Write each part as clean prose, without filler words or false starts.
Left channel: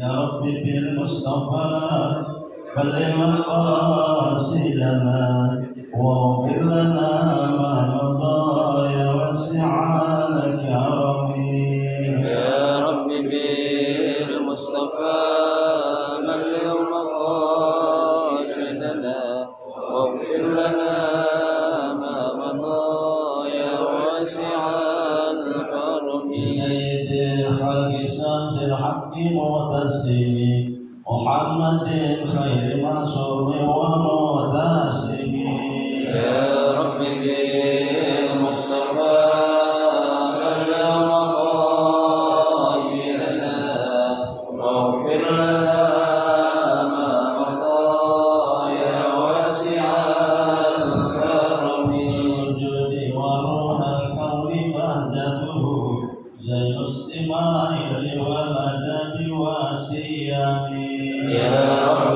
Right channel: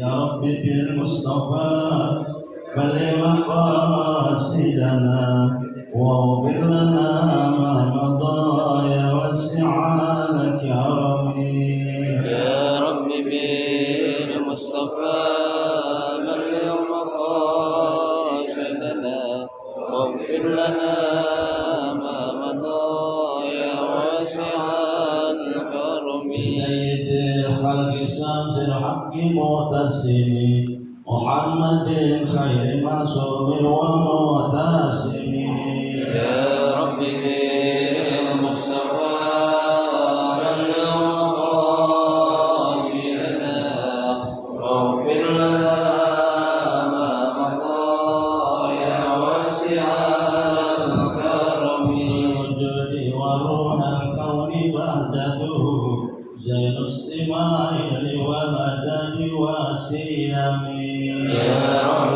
يا رب بالمصطفى بلغ مقاصدنا واغفر لنا ما مضى يا واسع الكرم يا رب بالمصطفى بلغ مقاصدنا واغفر لنا ما مضى يا واسع الكرم سيد خلق سمت الحق معتصم محمد خير معصوم ومعتصم يا رب بالمصطفى بلغ مقاصدنا واغفر لنا ما مضى يا واسع الكرم الوجود وروح الكون بهجته زين السماء والأدب والسيم يا رب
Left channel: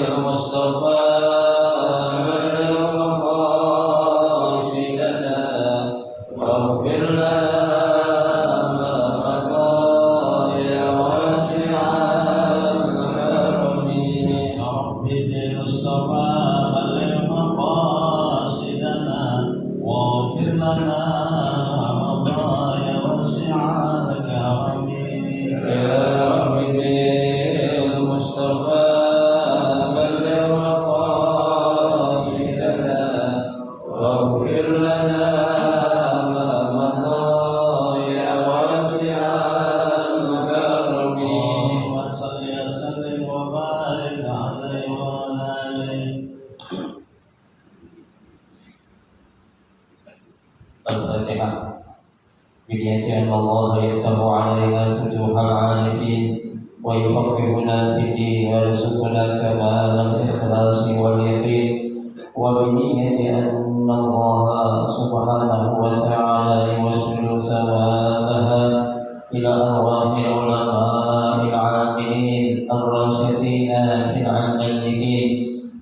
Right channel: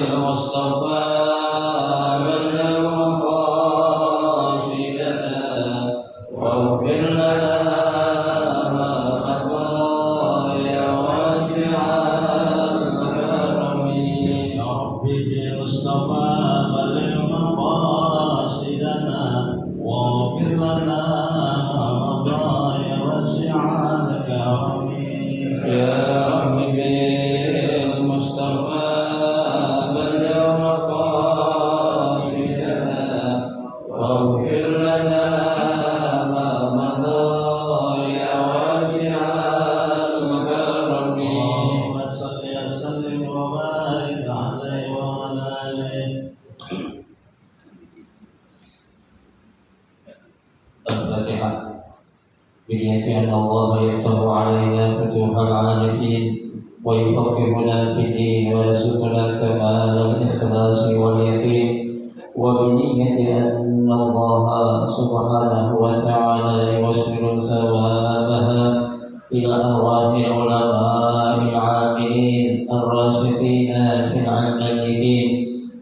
بالمصطفى بلغ مقاصدنا واغفر لنا ما مضى يا واسع الكرم يا رب بالمصطفى بلغ مقاصدنا واغفر لنا ما مضى يا واسع الكرم يا رب بالمصطفى بلغ مقاصدنا واغفر لنا ما مضى يا واسع الكرم اللهم صل وسلم وبارك عليه وعلى آله. الفاتحة بنية أن الله يفتح علينا فتوح العارفين ويفقهنا في الدين ويرزقنا كمال الإخلاص واليقين وبنية أن الله سبحانه وتعالى يوصل ثوابها إلى أرواح العلماء العاملين الراشدين في العلميين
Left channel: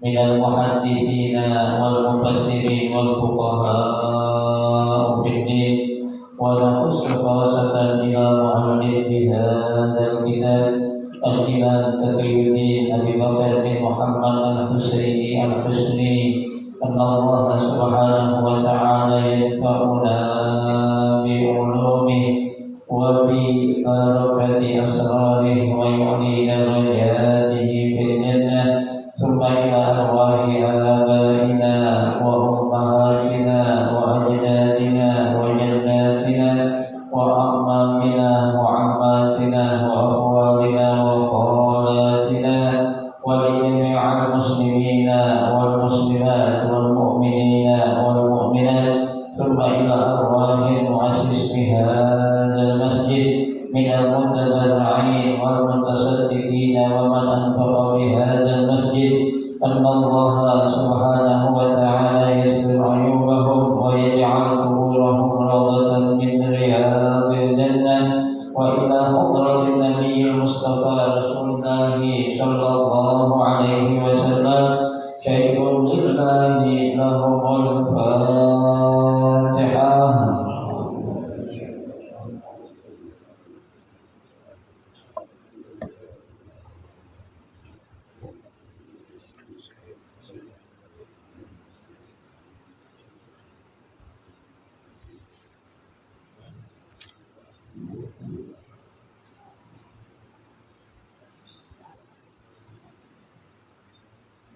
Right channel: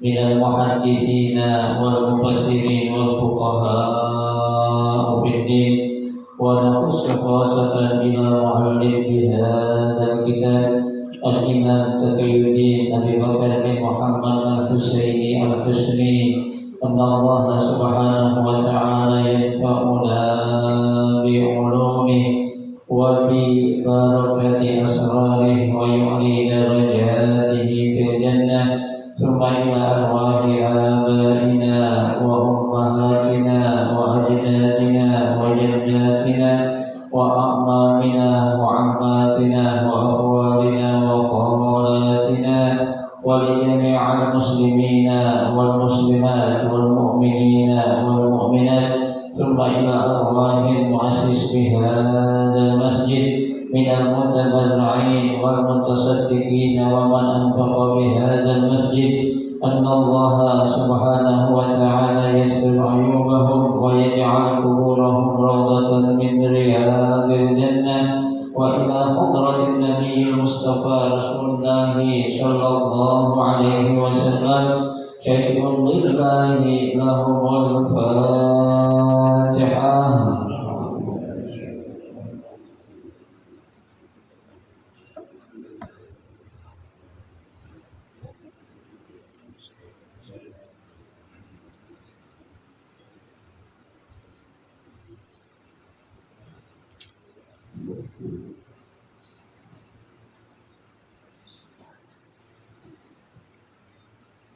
من المحدثين والمفسرين والفقهاء في الدين ونخص خاصة إلى محل بهذا الكتاب الإمام تقي الدين أبي بكر بن محمد الحسيني الحسني أن الله سبحانه وتعالى ينفعنا بعلومه وببركة أسراره ويعلي درجاته في الجنة ثم إلى أرواح آبائنا وأمهاتنا وأجدادنا وجداتنا وأعمامنا وعماتنا وأخوالنا وخالاتنا ولجميع المسلمين والمسلمات والمؤمنين والمؤمنات ثم إلى أرواح المؤسس بهذا المسجد من المتبرعين والمتصدقين ومن أنفق بهذا المسجد أن الله سبحانه وتعالى يستر عيوبهم ويجعل قبورهم روضة من رياض الجنة وإلى حضرة النبي المصطفى رسول الله صلى الله عليه وسلم شيء لله لهم الفاتحة.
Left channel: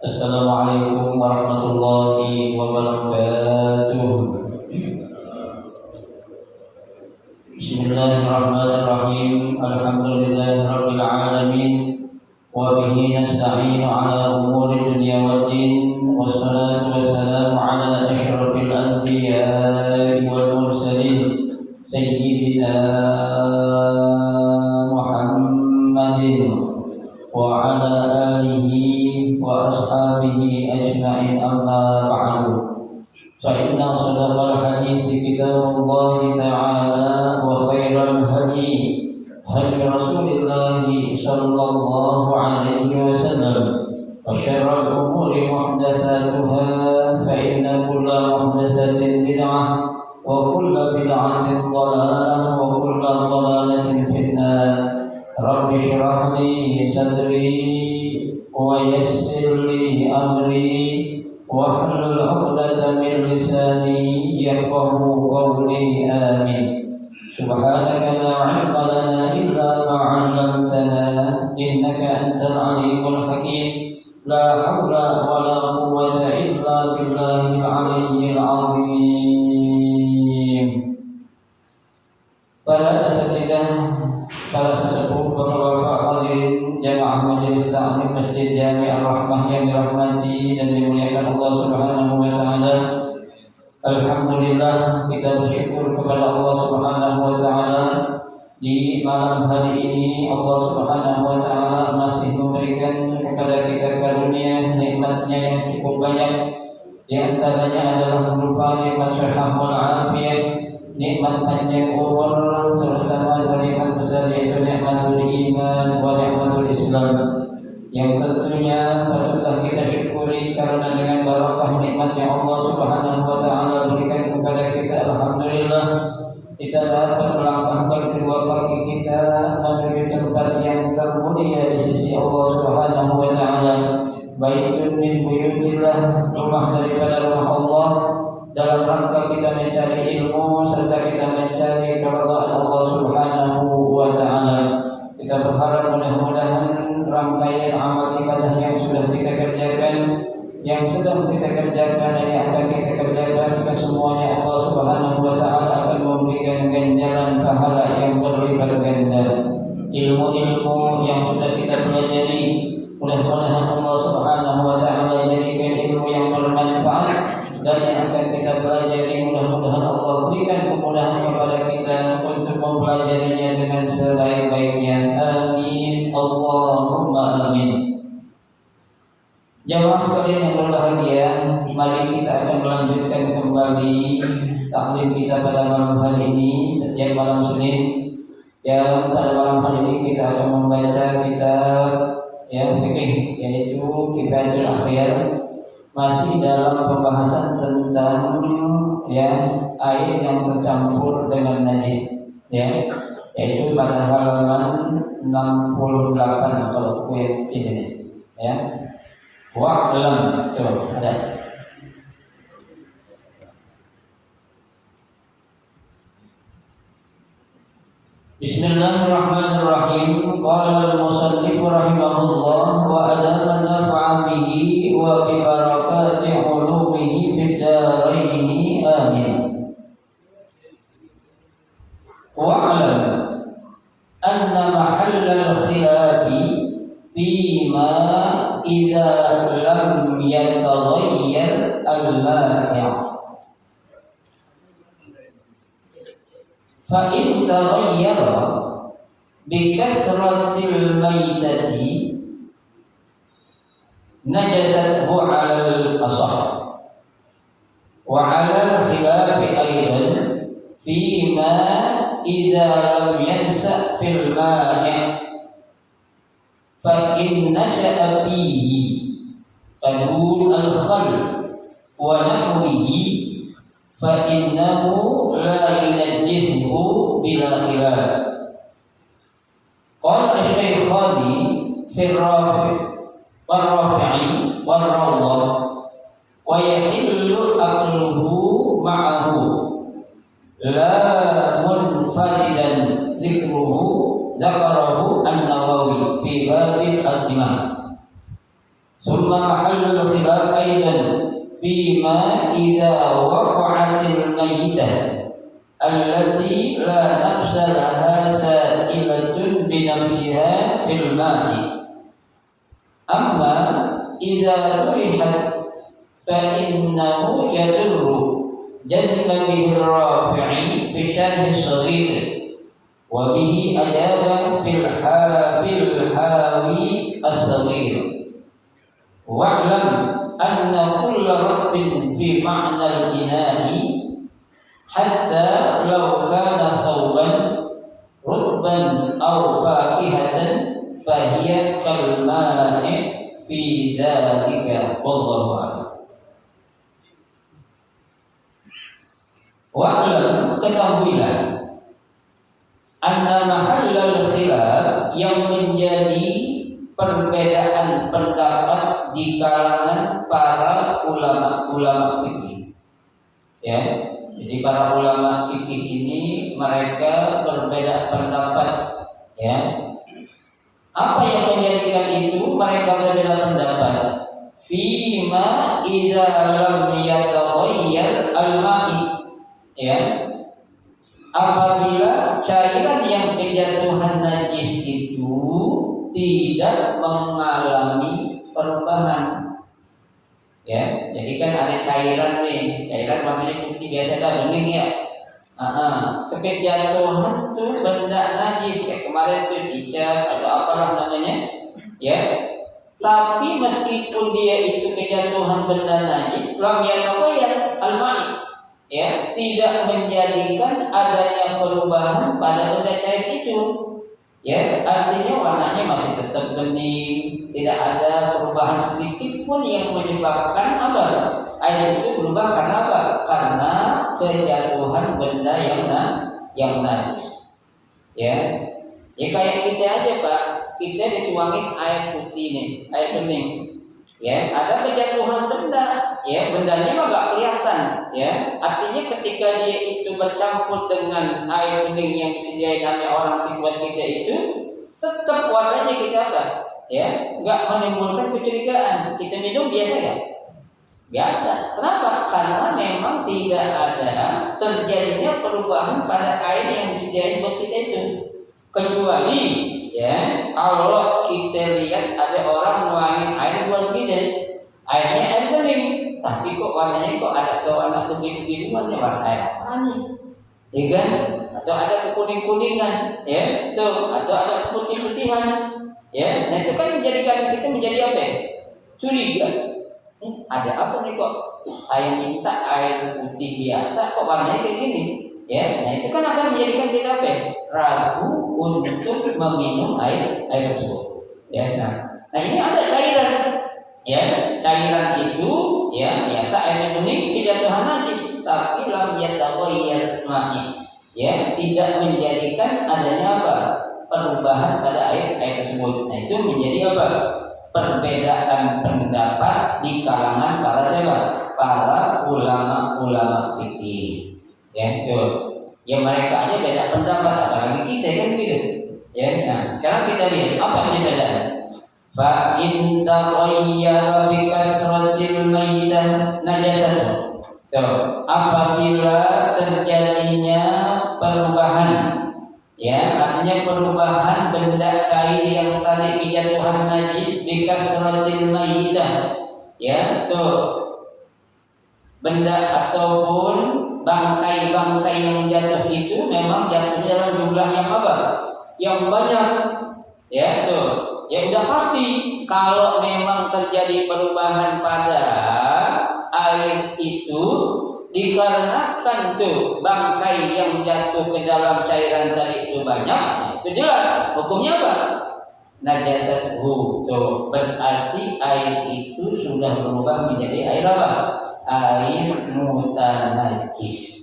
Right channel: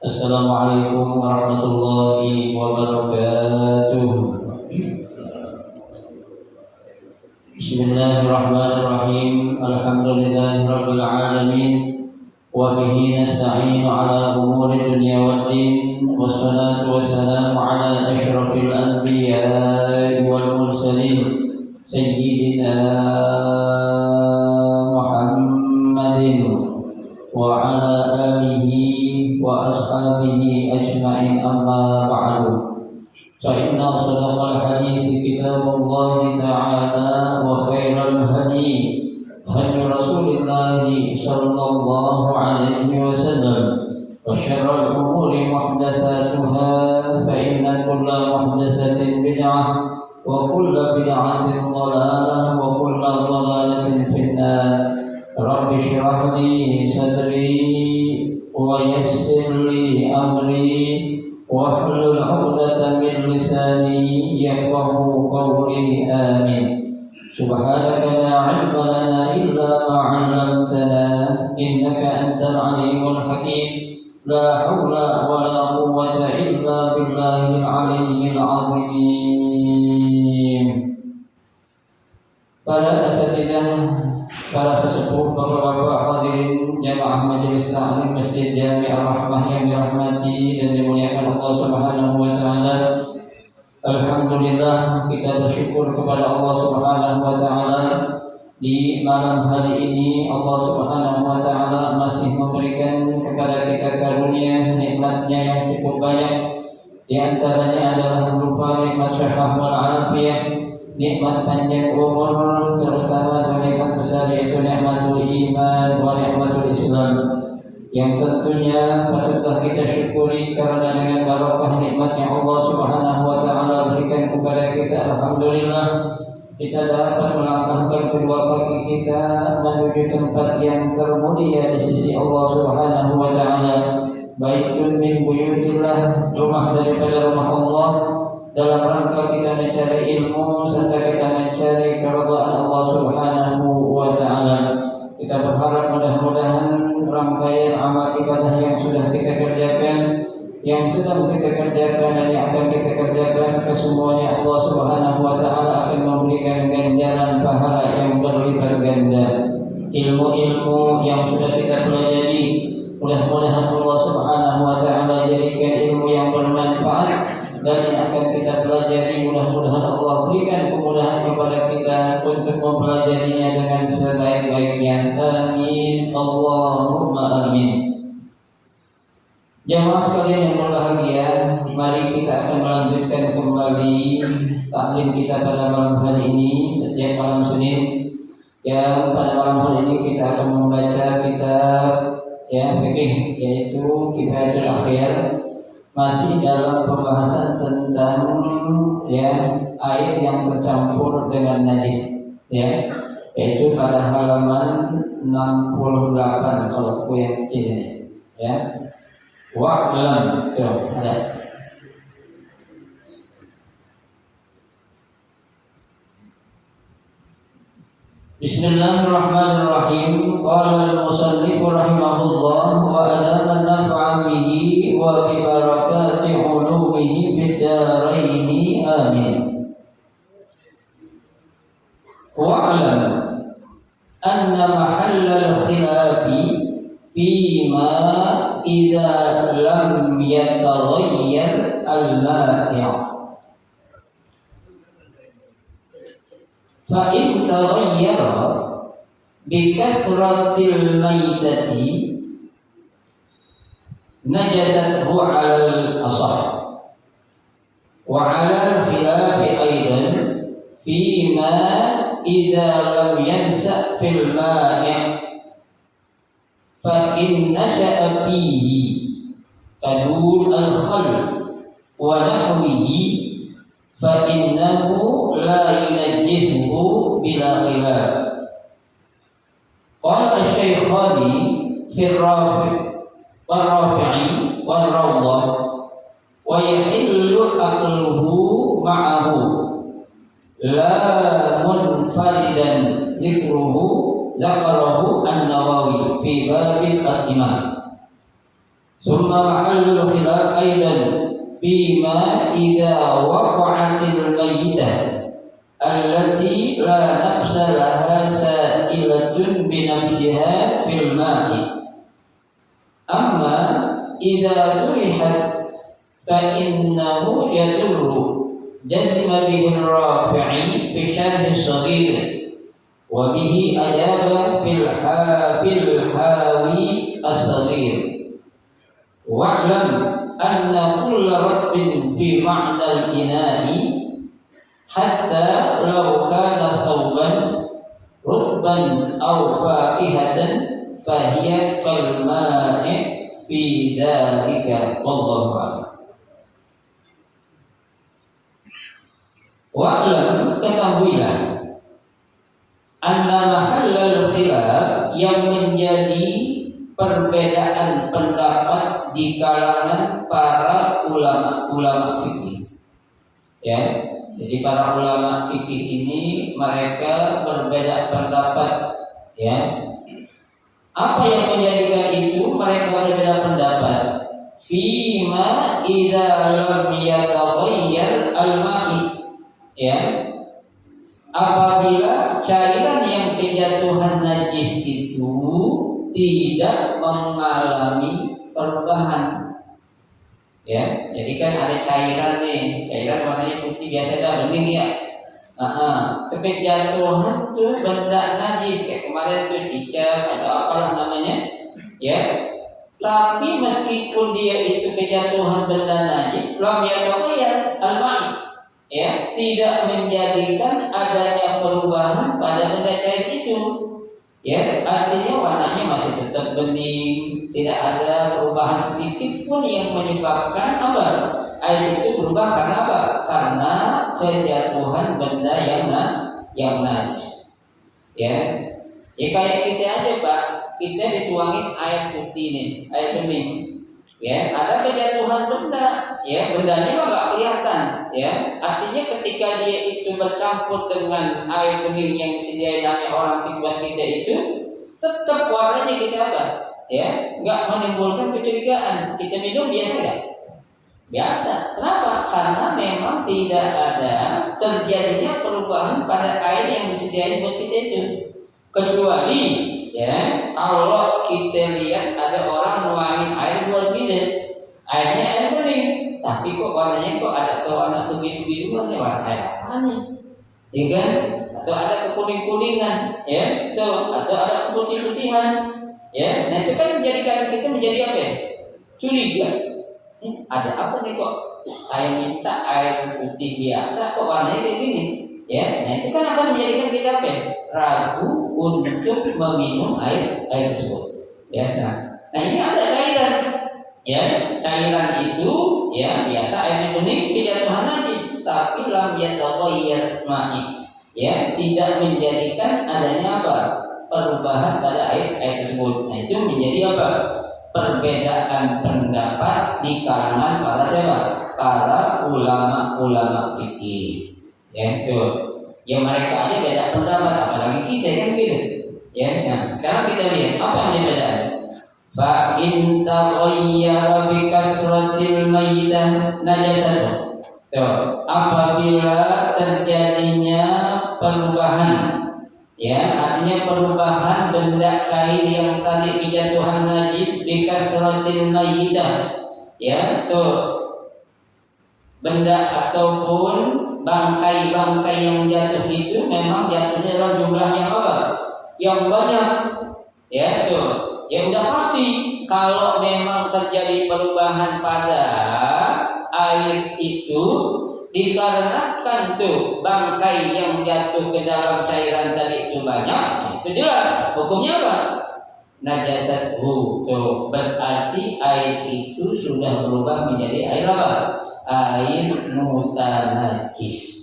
Assalamualaikum warahmatullahi wabarakatuh. Bismillahirrahmanirrahim. Alhamdulillahirabbil alamin. Wa bihi nasta'inu ala umuri dunya waddin. Wassalatu wassalamu ala asyrafil anbiya'i wal mursalin sayyidina Muhammadin wa ala alihi wa ashabihi ajma'in amma ba'du. Fa inna asdaqal hadithi kitabullahi ta'ala wa khairal hadi hadi Rasulillah sallallahu alaihi wasallam wa syarrul umuri muhdatsatuha fa inna kulla muhdatsatin bid'ah wa kulla bid'atin dhalalah wa kulla dhalalatin finnar. Rabbi اشرح لي صدري ويسر لي أمري واحلل عقدة من لساني يفقه قولي آمين. سبحانك لا علم لنا إلا ما علمتنا إنك أنت العليم الحكيم. لا حول ولا قوة إلا بالله العلي العظيم. Para asatidzah, para sesepuh, bapak-bapak hadirin jamaah majelis taklim Masjid Jami' Ar-Rahmah yang dirahmati dan dimuliakan Allah Subhanahu wa taala. Alhamdulillah, kita bersyukur kepada Allah Subhanahu wa taala di malam hari ini. Allah Subhanahu wa taala masih memberikan kepada kita karunia nikmatnya yang cukup banyak. Di antaranya adalah berupa nikmat sehat wal afiat, nikmat panjang umur, terutama nikmat besar yaitu nikmatul iman wa nikmatul Islam, yang tentunya patutlah kita syukuri karena dengan barakah nikmat yang Allah Subhanahu wa taala berikan kepada kita, alhamdulillah kita dapat melangkahkan kedua kaki kita menuju tempat yang termulia di sisi Allah Subhanahu wa taala. Baitun min buyutillah, rumah daripada rumah Allah, dalam rangka kita mencari ilmu serta kita mencari keridhaan Allah Subhanahu wa taala. Kita berharap mudah-mudahan rangkaian amal ibadah yang sudah kita kerjakan, yang sedang kita kerjakan dan yang akan kita kerjakan, kesemuanya Allah Subhanahu wa taala akan memberikan ganjaran pahala yang berlipat ganda. Ilmu-ilmu yang sudah kita pelajari, mudah-mudahan Allah Subhanahu wa taala jadikan ilmu yang bermanfaat, dan yang akan kita pelajari mudah-mudahan Allah berikan kemudahan kepada kita untuk mempelajarinya dengan sebaik-baiknya. Amin Allahumma amin. Jamaah sekalian yang berbahagia, mari kita akan melanjutkan kembali taklim kita pada malam hari ini setiap malam Senin. Yang pada malam hari ini kita akan membaca kitab fikih, yaitu Kifayatul Akhyar, masih dalam pembahasan tentang air yang tercampur dengan najis, yaitu pada halaman 68 kalau aku yang ini wa'lam tuh ada. Bismillahirrahmanirrahim. Qala al-musannif rahimahullah wa adana nafa'a bihi wa bi barakati ulumihi fid dharain amin. Wa'lam anna mahalla al-khilafi fima idza lam yataghayyar al-mani'. Fa in taghayyara bi kasratil maitati najasathu 'ala al-asah wa 'ala khilafi aidan fima idza lam yansa fil mani' fa in nasha'a fihi kadul al-khal wa nahwihi fa innahu la yunajjisuhu bila khilaf. Qala asy-syaikhani fi ar-rafi'i war-rawdah wa yahillu aqluhu ma'ahu la munfaridan dzikruhu zakarahu an-Nawawi fi babil al-imam. Summa mahallul khilaf aidan fima idza waqa'atil maitah allati la nafsa laha sa'ilatun bi nafsiha fil ma'i. Amma idza turihat fa innahu yadurru jazma bihi ar-rafi'i fi syarh as-saghir wa bihi ajaba fil hawi as-saghir. Wa'lam anna kulla rabbin fi ma'na al-ina'i hatta law kana thawban rutban aw fakihatan fahiya kal ma'i fi dzalika wallahu a'lam. Wa'lam, ketahuilah, anna mahallal khilaf, yang menjadi terjadi perbedaan pendapat di kalangan para ulama fikih. Ya, jadi para ulama fikih ini mereka berbeda pendapat. Ya, apa yang menjadikan itu mereka berbeda pendapat? Fima idza lam yataghayyar al-ma'i. Ya, apabila cairan yang kejatuhan najis itu tidak mengalami perubahan. Ya, jadi kan ada cairan nih, cairan warnanya putih biasa dah bening ya. Kejatuhan tuh benda najis kayak kemarin tuh cicak atau apalah namanya, ya. Tapi meskipun dia itu kejatuhan benda najis, lam yataghayyar al-ma'i. Ya, tidak menjadikan adanya perubahan pada benda cair itu. Ya, artinya warnanya masih tetap bening, tidak ada perubahan sedikit pun yang menyebabkan apa? Air itu berubah karena apa? Karena kejatuhan benda yang najis. Ya, ya kayak kita aja Pak, kita dituangin air putih nih, air bening. Ya, ada kejatuhan benda, ya bendanya mah nggak kelihatan, ya. Artinya ketika dia itu bercampur dengan air bening yang disediain sama orang buat kita itu, tetap warnanya kita apa? Ya, nggak menimbulkan kecurigaan. Kita minum biasa nggak? Biasa. Kenapa? Karena memang tidak ada terjadinya perubahan pada air yang disediain buat kita itu. Kecuali ya kalau kita lihat ada orang nuangin air buat kita, airnya air bening, tapi kok warnanya kok ada warna kebiru-biruan ya, warna air apa nih? Ya kan? Atau ada kekuning-kuningan, ya, tuh, atau ada keputih-putihan, ya. Nah itu kan menjadikan kita menjadi apa? Ya? Curiga. Ada apa nih kok? Saya minta air putih biasa, kok warnanya kayak gini? Ya, nah itu kan akan menjadikan kita apa? Ragu untuk meminum air tersebut. Ya, nah ini ada cairan. Ya, cairan itu ya biasa airnya bening kejatuhan najis, tapi lam yataghayyar ma'i. Ya, tidak menjadikan adanya apa? Perubahan pada air tersebut. Nah, itu menjadi apa? Perbedaan pendapat di kalangan para siapa? Para ulama fikih. Ya, itu. Ya mereka aja beda pendapat, apalagi kita kan gitu. Ya, nah sekarang kita lihat apa yang berbeda. Fa in taghayyara bi kasratil mayyitah najasah. Tuh, apabila terjadinya perubahan, ya artinya perubahan benda cair yang tadi kejatuhan najis bi kasratil mayyitah. Ya, tuh benda ataupun bangkai-bangkai yang jatuh itu memang jatuhnya dalam jumlah yang apa? Yang banyak. Ya, tuh. Ya udah pasti kalau memang terjadi perubahan pada air itu dikarenakan tuh bangkai yang jatuh ke dalam cairan tadi itu banyak, itu jelas hukumnya apa? Najasatuhu. Tuh, berarti air itu sudah berubah menjadi air apa? Air mutanajis.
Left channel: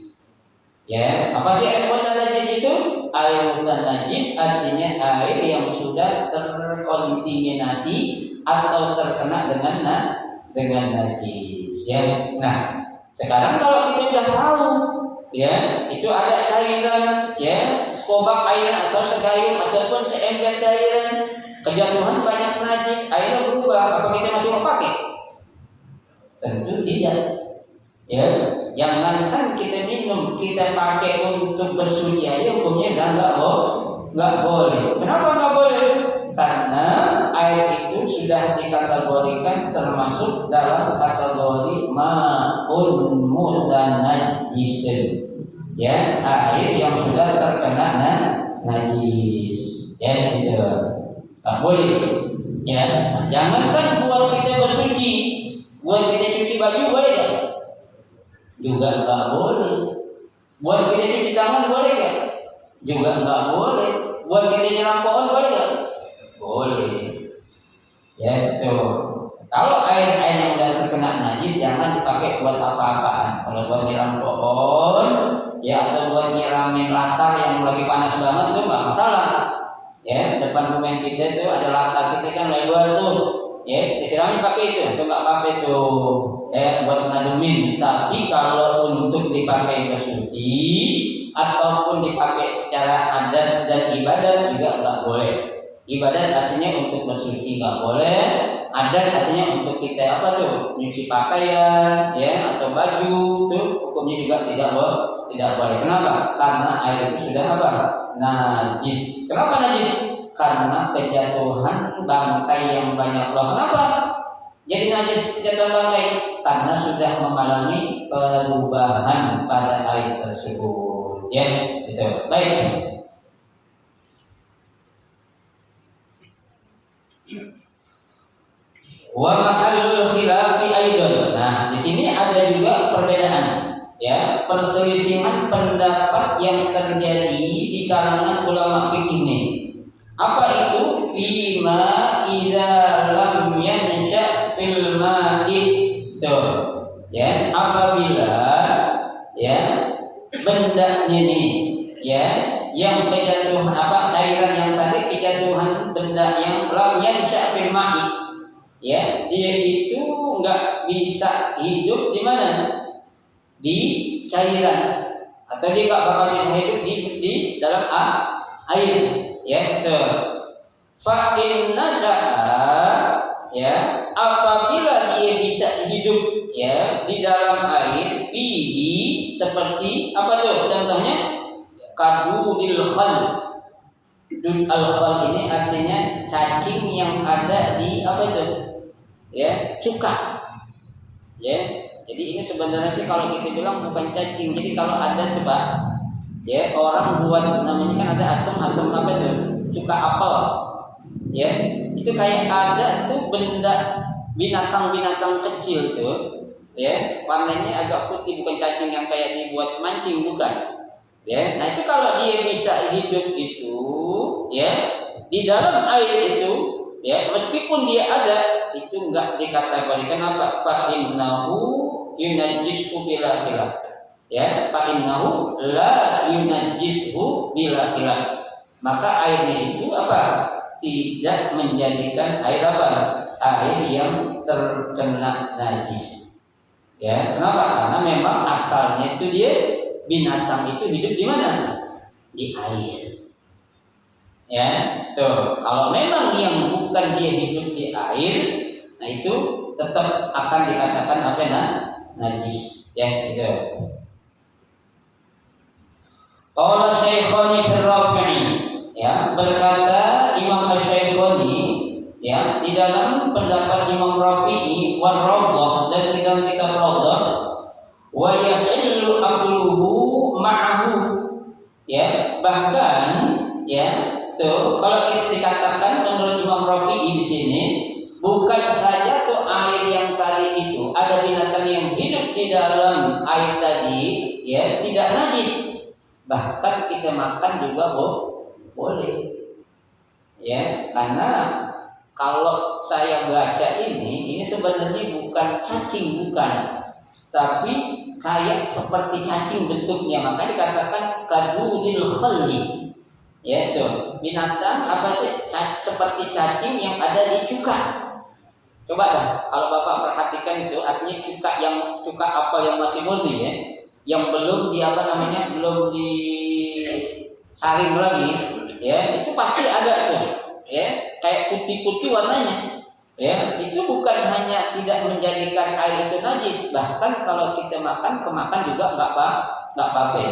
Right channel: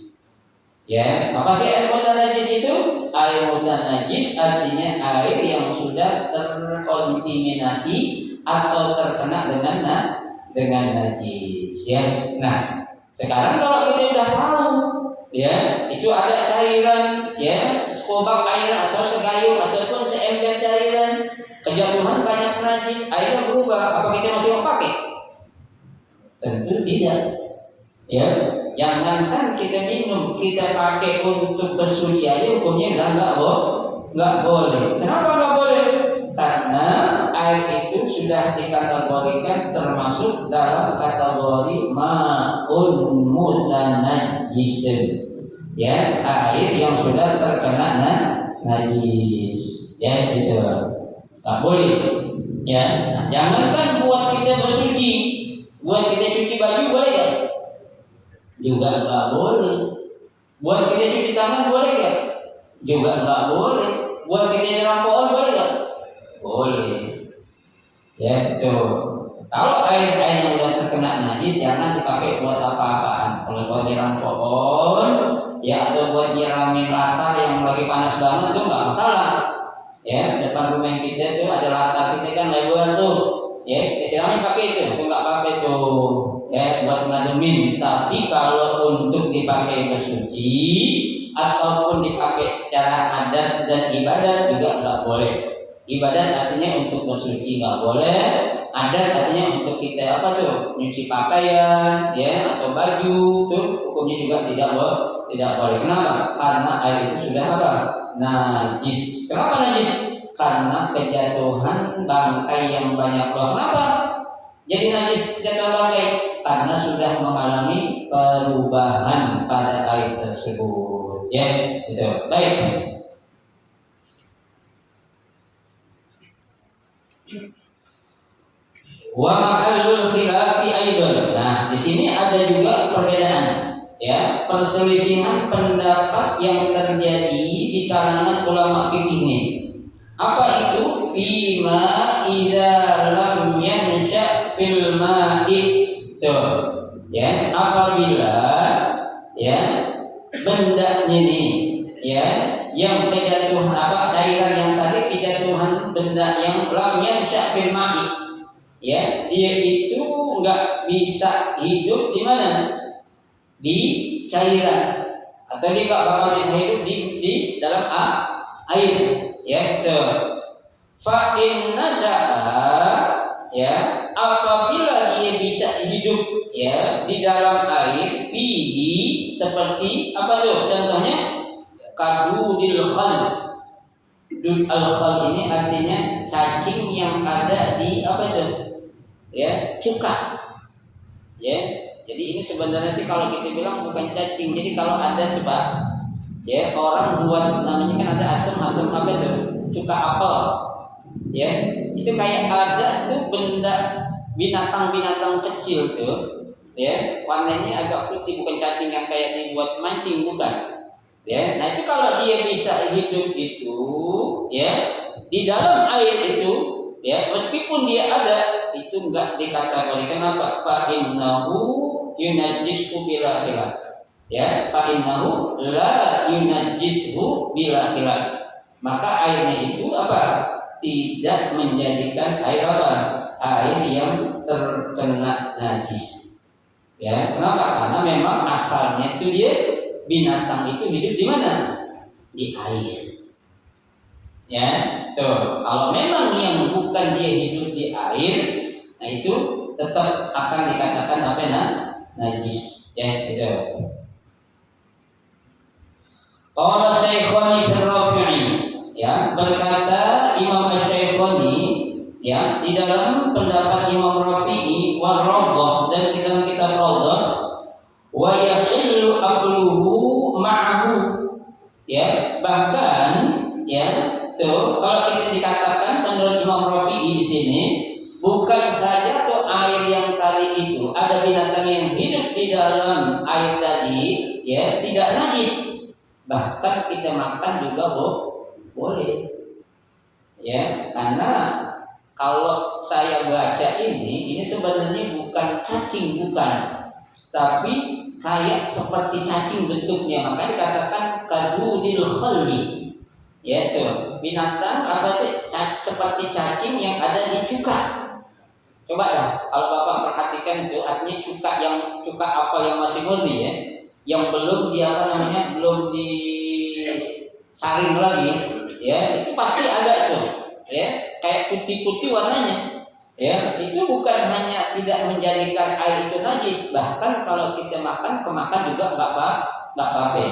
Ya, apa sih air mutanajis itu? Air mutanajis artinya air yang sudah terkontaminasi atau terkena dengan najis. Ya, nah sekarang kalau kita sudah tahu, ya itu ada cairan, ya sekobak air atau segayung ataupun seember cairan kejatuhan banyak najis, airnya berubah, apa kita masih mau pakai? Tentu tidak. Ya, jangankan kita minum, kita pakai untuk bersuci aja hukumnya nggak boleh. Kenapa nggak boleh? Karena air itu sudah dikategorikan termasuk dalam kategori ma'un mutanajjis. Ya, air yang sudah terkena najis. Ya, gitu. Nggak boleh. Ya, nah, jangankan buat kita bersuci, buat kita cuci baju boleh gak? Juga nggak boleh. Buat kita cuci tangan boleh gak? Juga nggak boleh. Buat kita nyiram pohon boleh gak? Boleh. Ya tuh. Kalau air yang udah terkena najis jangan dipakai buat apa-apaan. Kalau buat nyiram pohon, ya atau buat nyiramin latar yang lagi panas banget itu nggak masalah. Ya, depan rumah kita itu ada latar kita kan lebar tuh, ya kita siramin pakai itu nggak apa-apa itu, buat ngademin. Tapi kalau untuk dipakai bersuci ataupun dipakai secara adat dan ibadat juga nggak boleh. Ibadat artinya untuk bersuci nggak boleh, adat artinya untuk kita apa tuh nyuci pakaian, ya atau baju tuh hukumnya juga tidak boleh. Kenapa? Karena air itu sudah apa? Najis. Kenapa najis? Karena kejatuhan bangkai yang banyak. Loh, kenapa jadi najis kejatuhan bangkai? Karena sudah mengalami perubahan pada air tersebut. Ya, itu. Baik. Wa mahallul khilafi aidan. Nah, di sini ada juga perbedaan, ya, perselisihan pendapat yang terjadi di kalangan ulama fikih ini. Apa itu? Fima idza lam yansha fil ma'i. Tuh, ya, apabila ya benda ini ya yang kejatuhan apa cairan yang tadi kejatuhan benda yang lam yansha fil ma'i. Ya, dia itu nggak bisa hidup di mana? Di cairan, atau dia nggak bakal bisa hidup di dalam air. Ya, tuh. Fa inna sya'a, ya, apabila dia bisa hidup ya di dalam air, fihi seperti apa tuh? Contohnya kadudil khal. Dud al khal ini artinya cacing yang ada di apa itu? Ya, cuka. Ya, jadi ini sebenarnya sih kalau kita bilang bukan cacing. Jadi kalau ada coba, ya orang buat namanya kan ada asam apa itu? Cuka apel. Ya, itu kayak ada tuh benda binatang kecil tuh. Ya, warnanya agak putih, bukan cacing yang kayak dibuat mancing, bukan. Ya, nah itu kalau dia bisa hidup itu, ya di dalam air itu, ya meskipun dia ada, itu enggak dikategorikan apa? Fa innahu yunajjishu bila khilaf. Ya, fa innahu la yunajjishu bila khilaf. Maka airnya itu apa? Tidak menjadikan air apa? Air yang terkena najis. Ya, kenapa? Karena memang asalnya itu dia binatang itu hidup di mana? Di air. Ya, tuh. Kalau memang yang bukan dia hidup di air, nah itu tetap akan dikatakan apa? Najis. Ya, itu. Qala Syaikhani fi Rafi'i, ya, berkata Imam Asy-Syaikhani, ya, di dalam pendapat Imam Rafi'i wal Rawdah dan di dalam kitab Rawdah, wa yahillu aqluhu ma'ahu. Ya, bahkan ya tuh, kalau kita dikatakan menurut Imam Rafi'i di sini, bukan saja tuh air yang tadi itu ada binatang yang hidup di dalam air tadi, ya tidak najis, bahkan kita makan juga boleh, ya karena kalau saya baca ini sebenarnya bukan cacing, bukan, tapi kayak seperti cacing bentuknya, makanya dikatakan kadudil khalli. Ya itu binatang apa sih seperti cacing yang ada di cuka. Coba dah kalau Bapak perhatikan itu artinya cuka apel yang masih murni, ya, yang belum di apa namanya belum disaring lagi, ya itu pasti ada itu, ya kayak putih-putih warnanya. Ya itu bukan hanya tidak menjadikan air itu najis, bahkan kalau kita makan kemakan juga nggak apa-apa.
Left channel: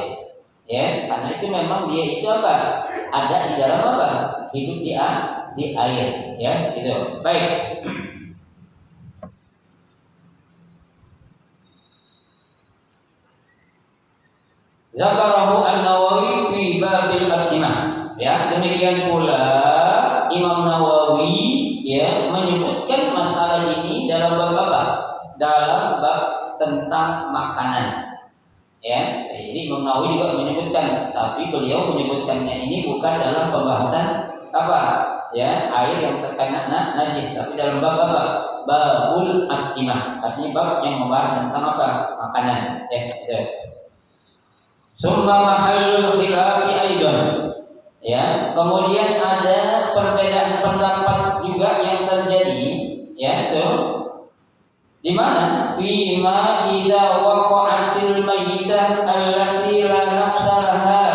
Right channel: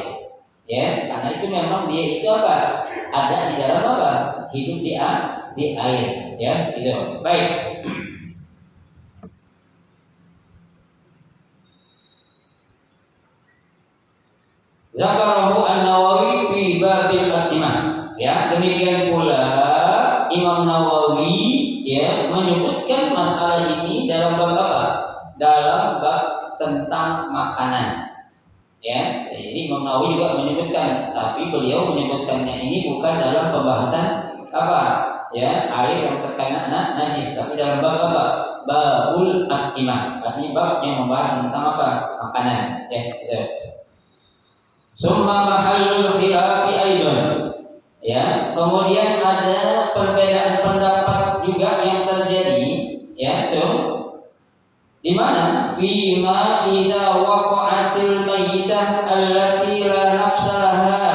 Ya, karena itu memang dia itu apa? Ada di dalam apa? Hidup di air, ya, gitu. Baik. Zakarahu An-Nawawi fi babil Atimah. Ya, demikian pula Imam Nawawi ya menyebutkan masalah ini dalam bab apa? Dalam bab tentang makanan. Ya, jadi Imam Nawawi juga menyebutkan, tapi beliau menyebutkannya ini bukan dalam pembahasan apa? Ya, air yang terkena najis, tapi dalam bab apa? Babul Atimah. Artinya bab yang membahas tentang apa? Makanan. Ya, gitu. Summa mahallul khilafi aidan. Ya, kemudian ada perbedaan pendapat juga yang terjadi, ya itu di mana fima idza waqa'atil mayyitah allati la nafsa laha,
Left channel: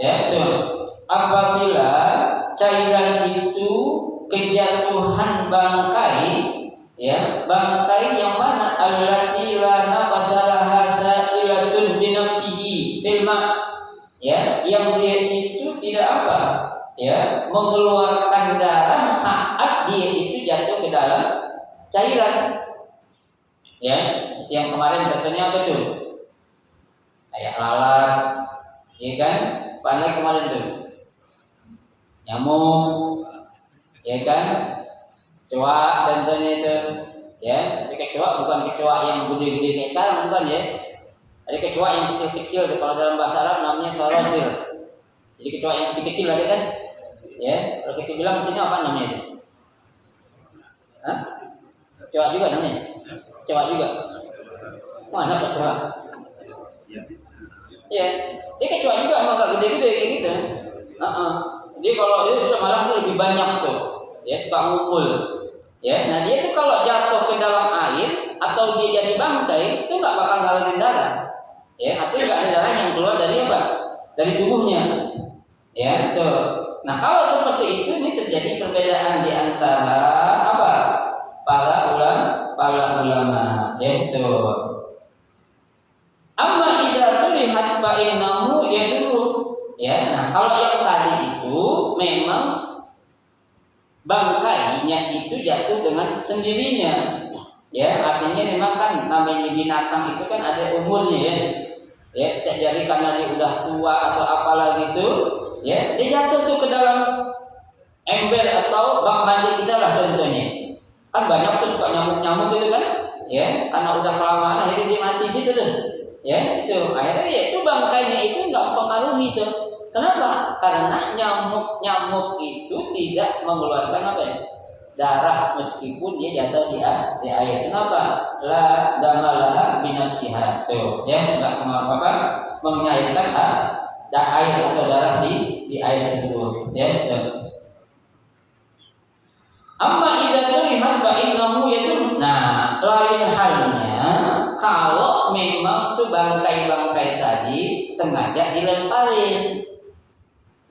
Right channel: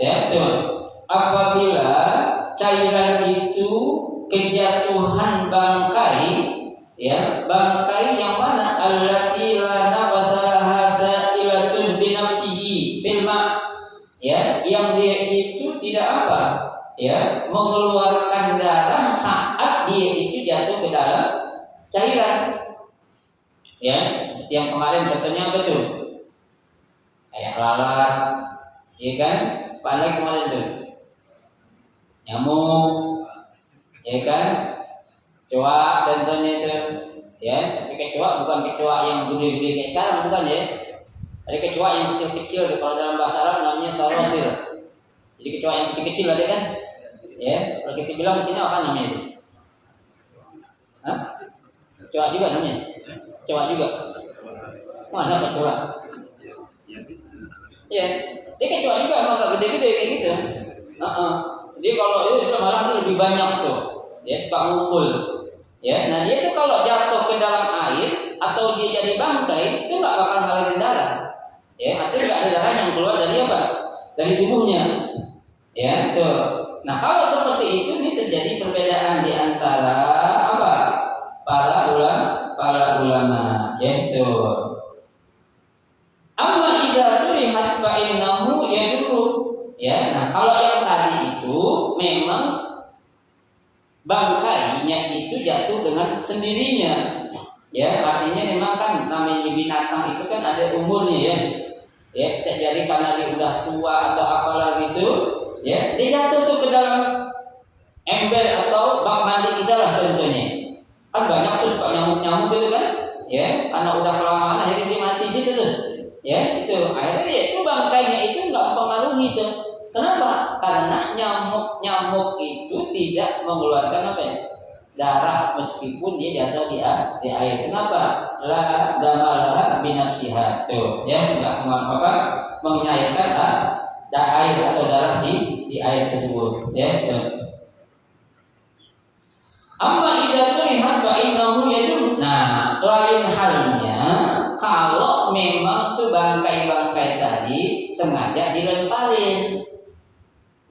ya itu apabila cairan itu kejatuhan bangkai, ya bangkai yang mana allati la nafsa laha sa'ilatun bi nafsihi fil ma', ya yang dia itu tidak apa, ya mengeluarkan darah saat dia itu jatuh ke dalam cairan, ya seperti yang kemarin contohnya apa tuh, kayak lalat, ya kan, pandai kemarin tuh nyamuk, ya kan, kecoa contohnya itu, ya tapi kecoa bukan kecoa yang gede-gede kayak sekarang, bukan ya. Ada kecoa yang kecil-kecil, kalau dalam bahasa Arab namanya sarosil. Jadi kecoa yang kecil-kecil ada kan? Ya, kalau kita bilang di sini apa namanya itu? Hah? Kecoa juga namanya? Kecoa juga. Mana kecoa? Ya, dia kecoa juga emang gak gede-gede kayak gitu. Jadi kalau itu malah itu lebih banyak tuh, ya suka ngumpul. Ya, nah dia tuh kalau jatuh ke dalam air atau dia jadi bangkai itu nggak bakal ngalirin darah. Ya, artinya nggak ada darah yang keluar dari apa? Dari tubuhnya. Ya, tuh. Nah, kalau seperti itu ini terjadi perbedaan di antara apa? Para ulama, yaitu amma idza tulihat fa innahu yadullu. Ya, nah kalau yang tadi itu memang bangkainya itu jatuh dengan sendirinya. Ya, artinya memang kan namanya binatang itu kan ada umurnya ya. Ya, bisa jadi karena dia udah tua atau apalah gitu, ya, dia jatuh tuh ke dalam ember atau bak mandi kita lah contohnya. Kan banyak tuh suka nyamuk-nyamuk gitu kan, ya, karena udah kelamaan akhirnya dia mati situ tuh. Ya, itu akhirnya ya itu bangkainya itu nggak mempengaruhi tuh. Kenapa? Karena nyamuk itu tidak mengeluarkan apa ya? Darah meskipun dia jatuh di air. Kenapa? La damalaha binafsiha. Tuh, ya enggak apa menyairkan air atau darah di air tersebut, ya. Tuh. Amma idza tulihat fa innahu yadun. Nah, lain halnya kalau memang tuh bangkai-bangkai tadi sengaja dilemparin.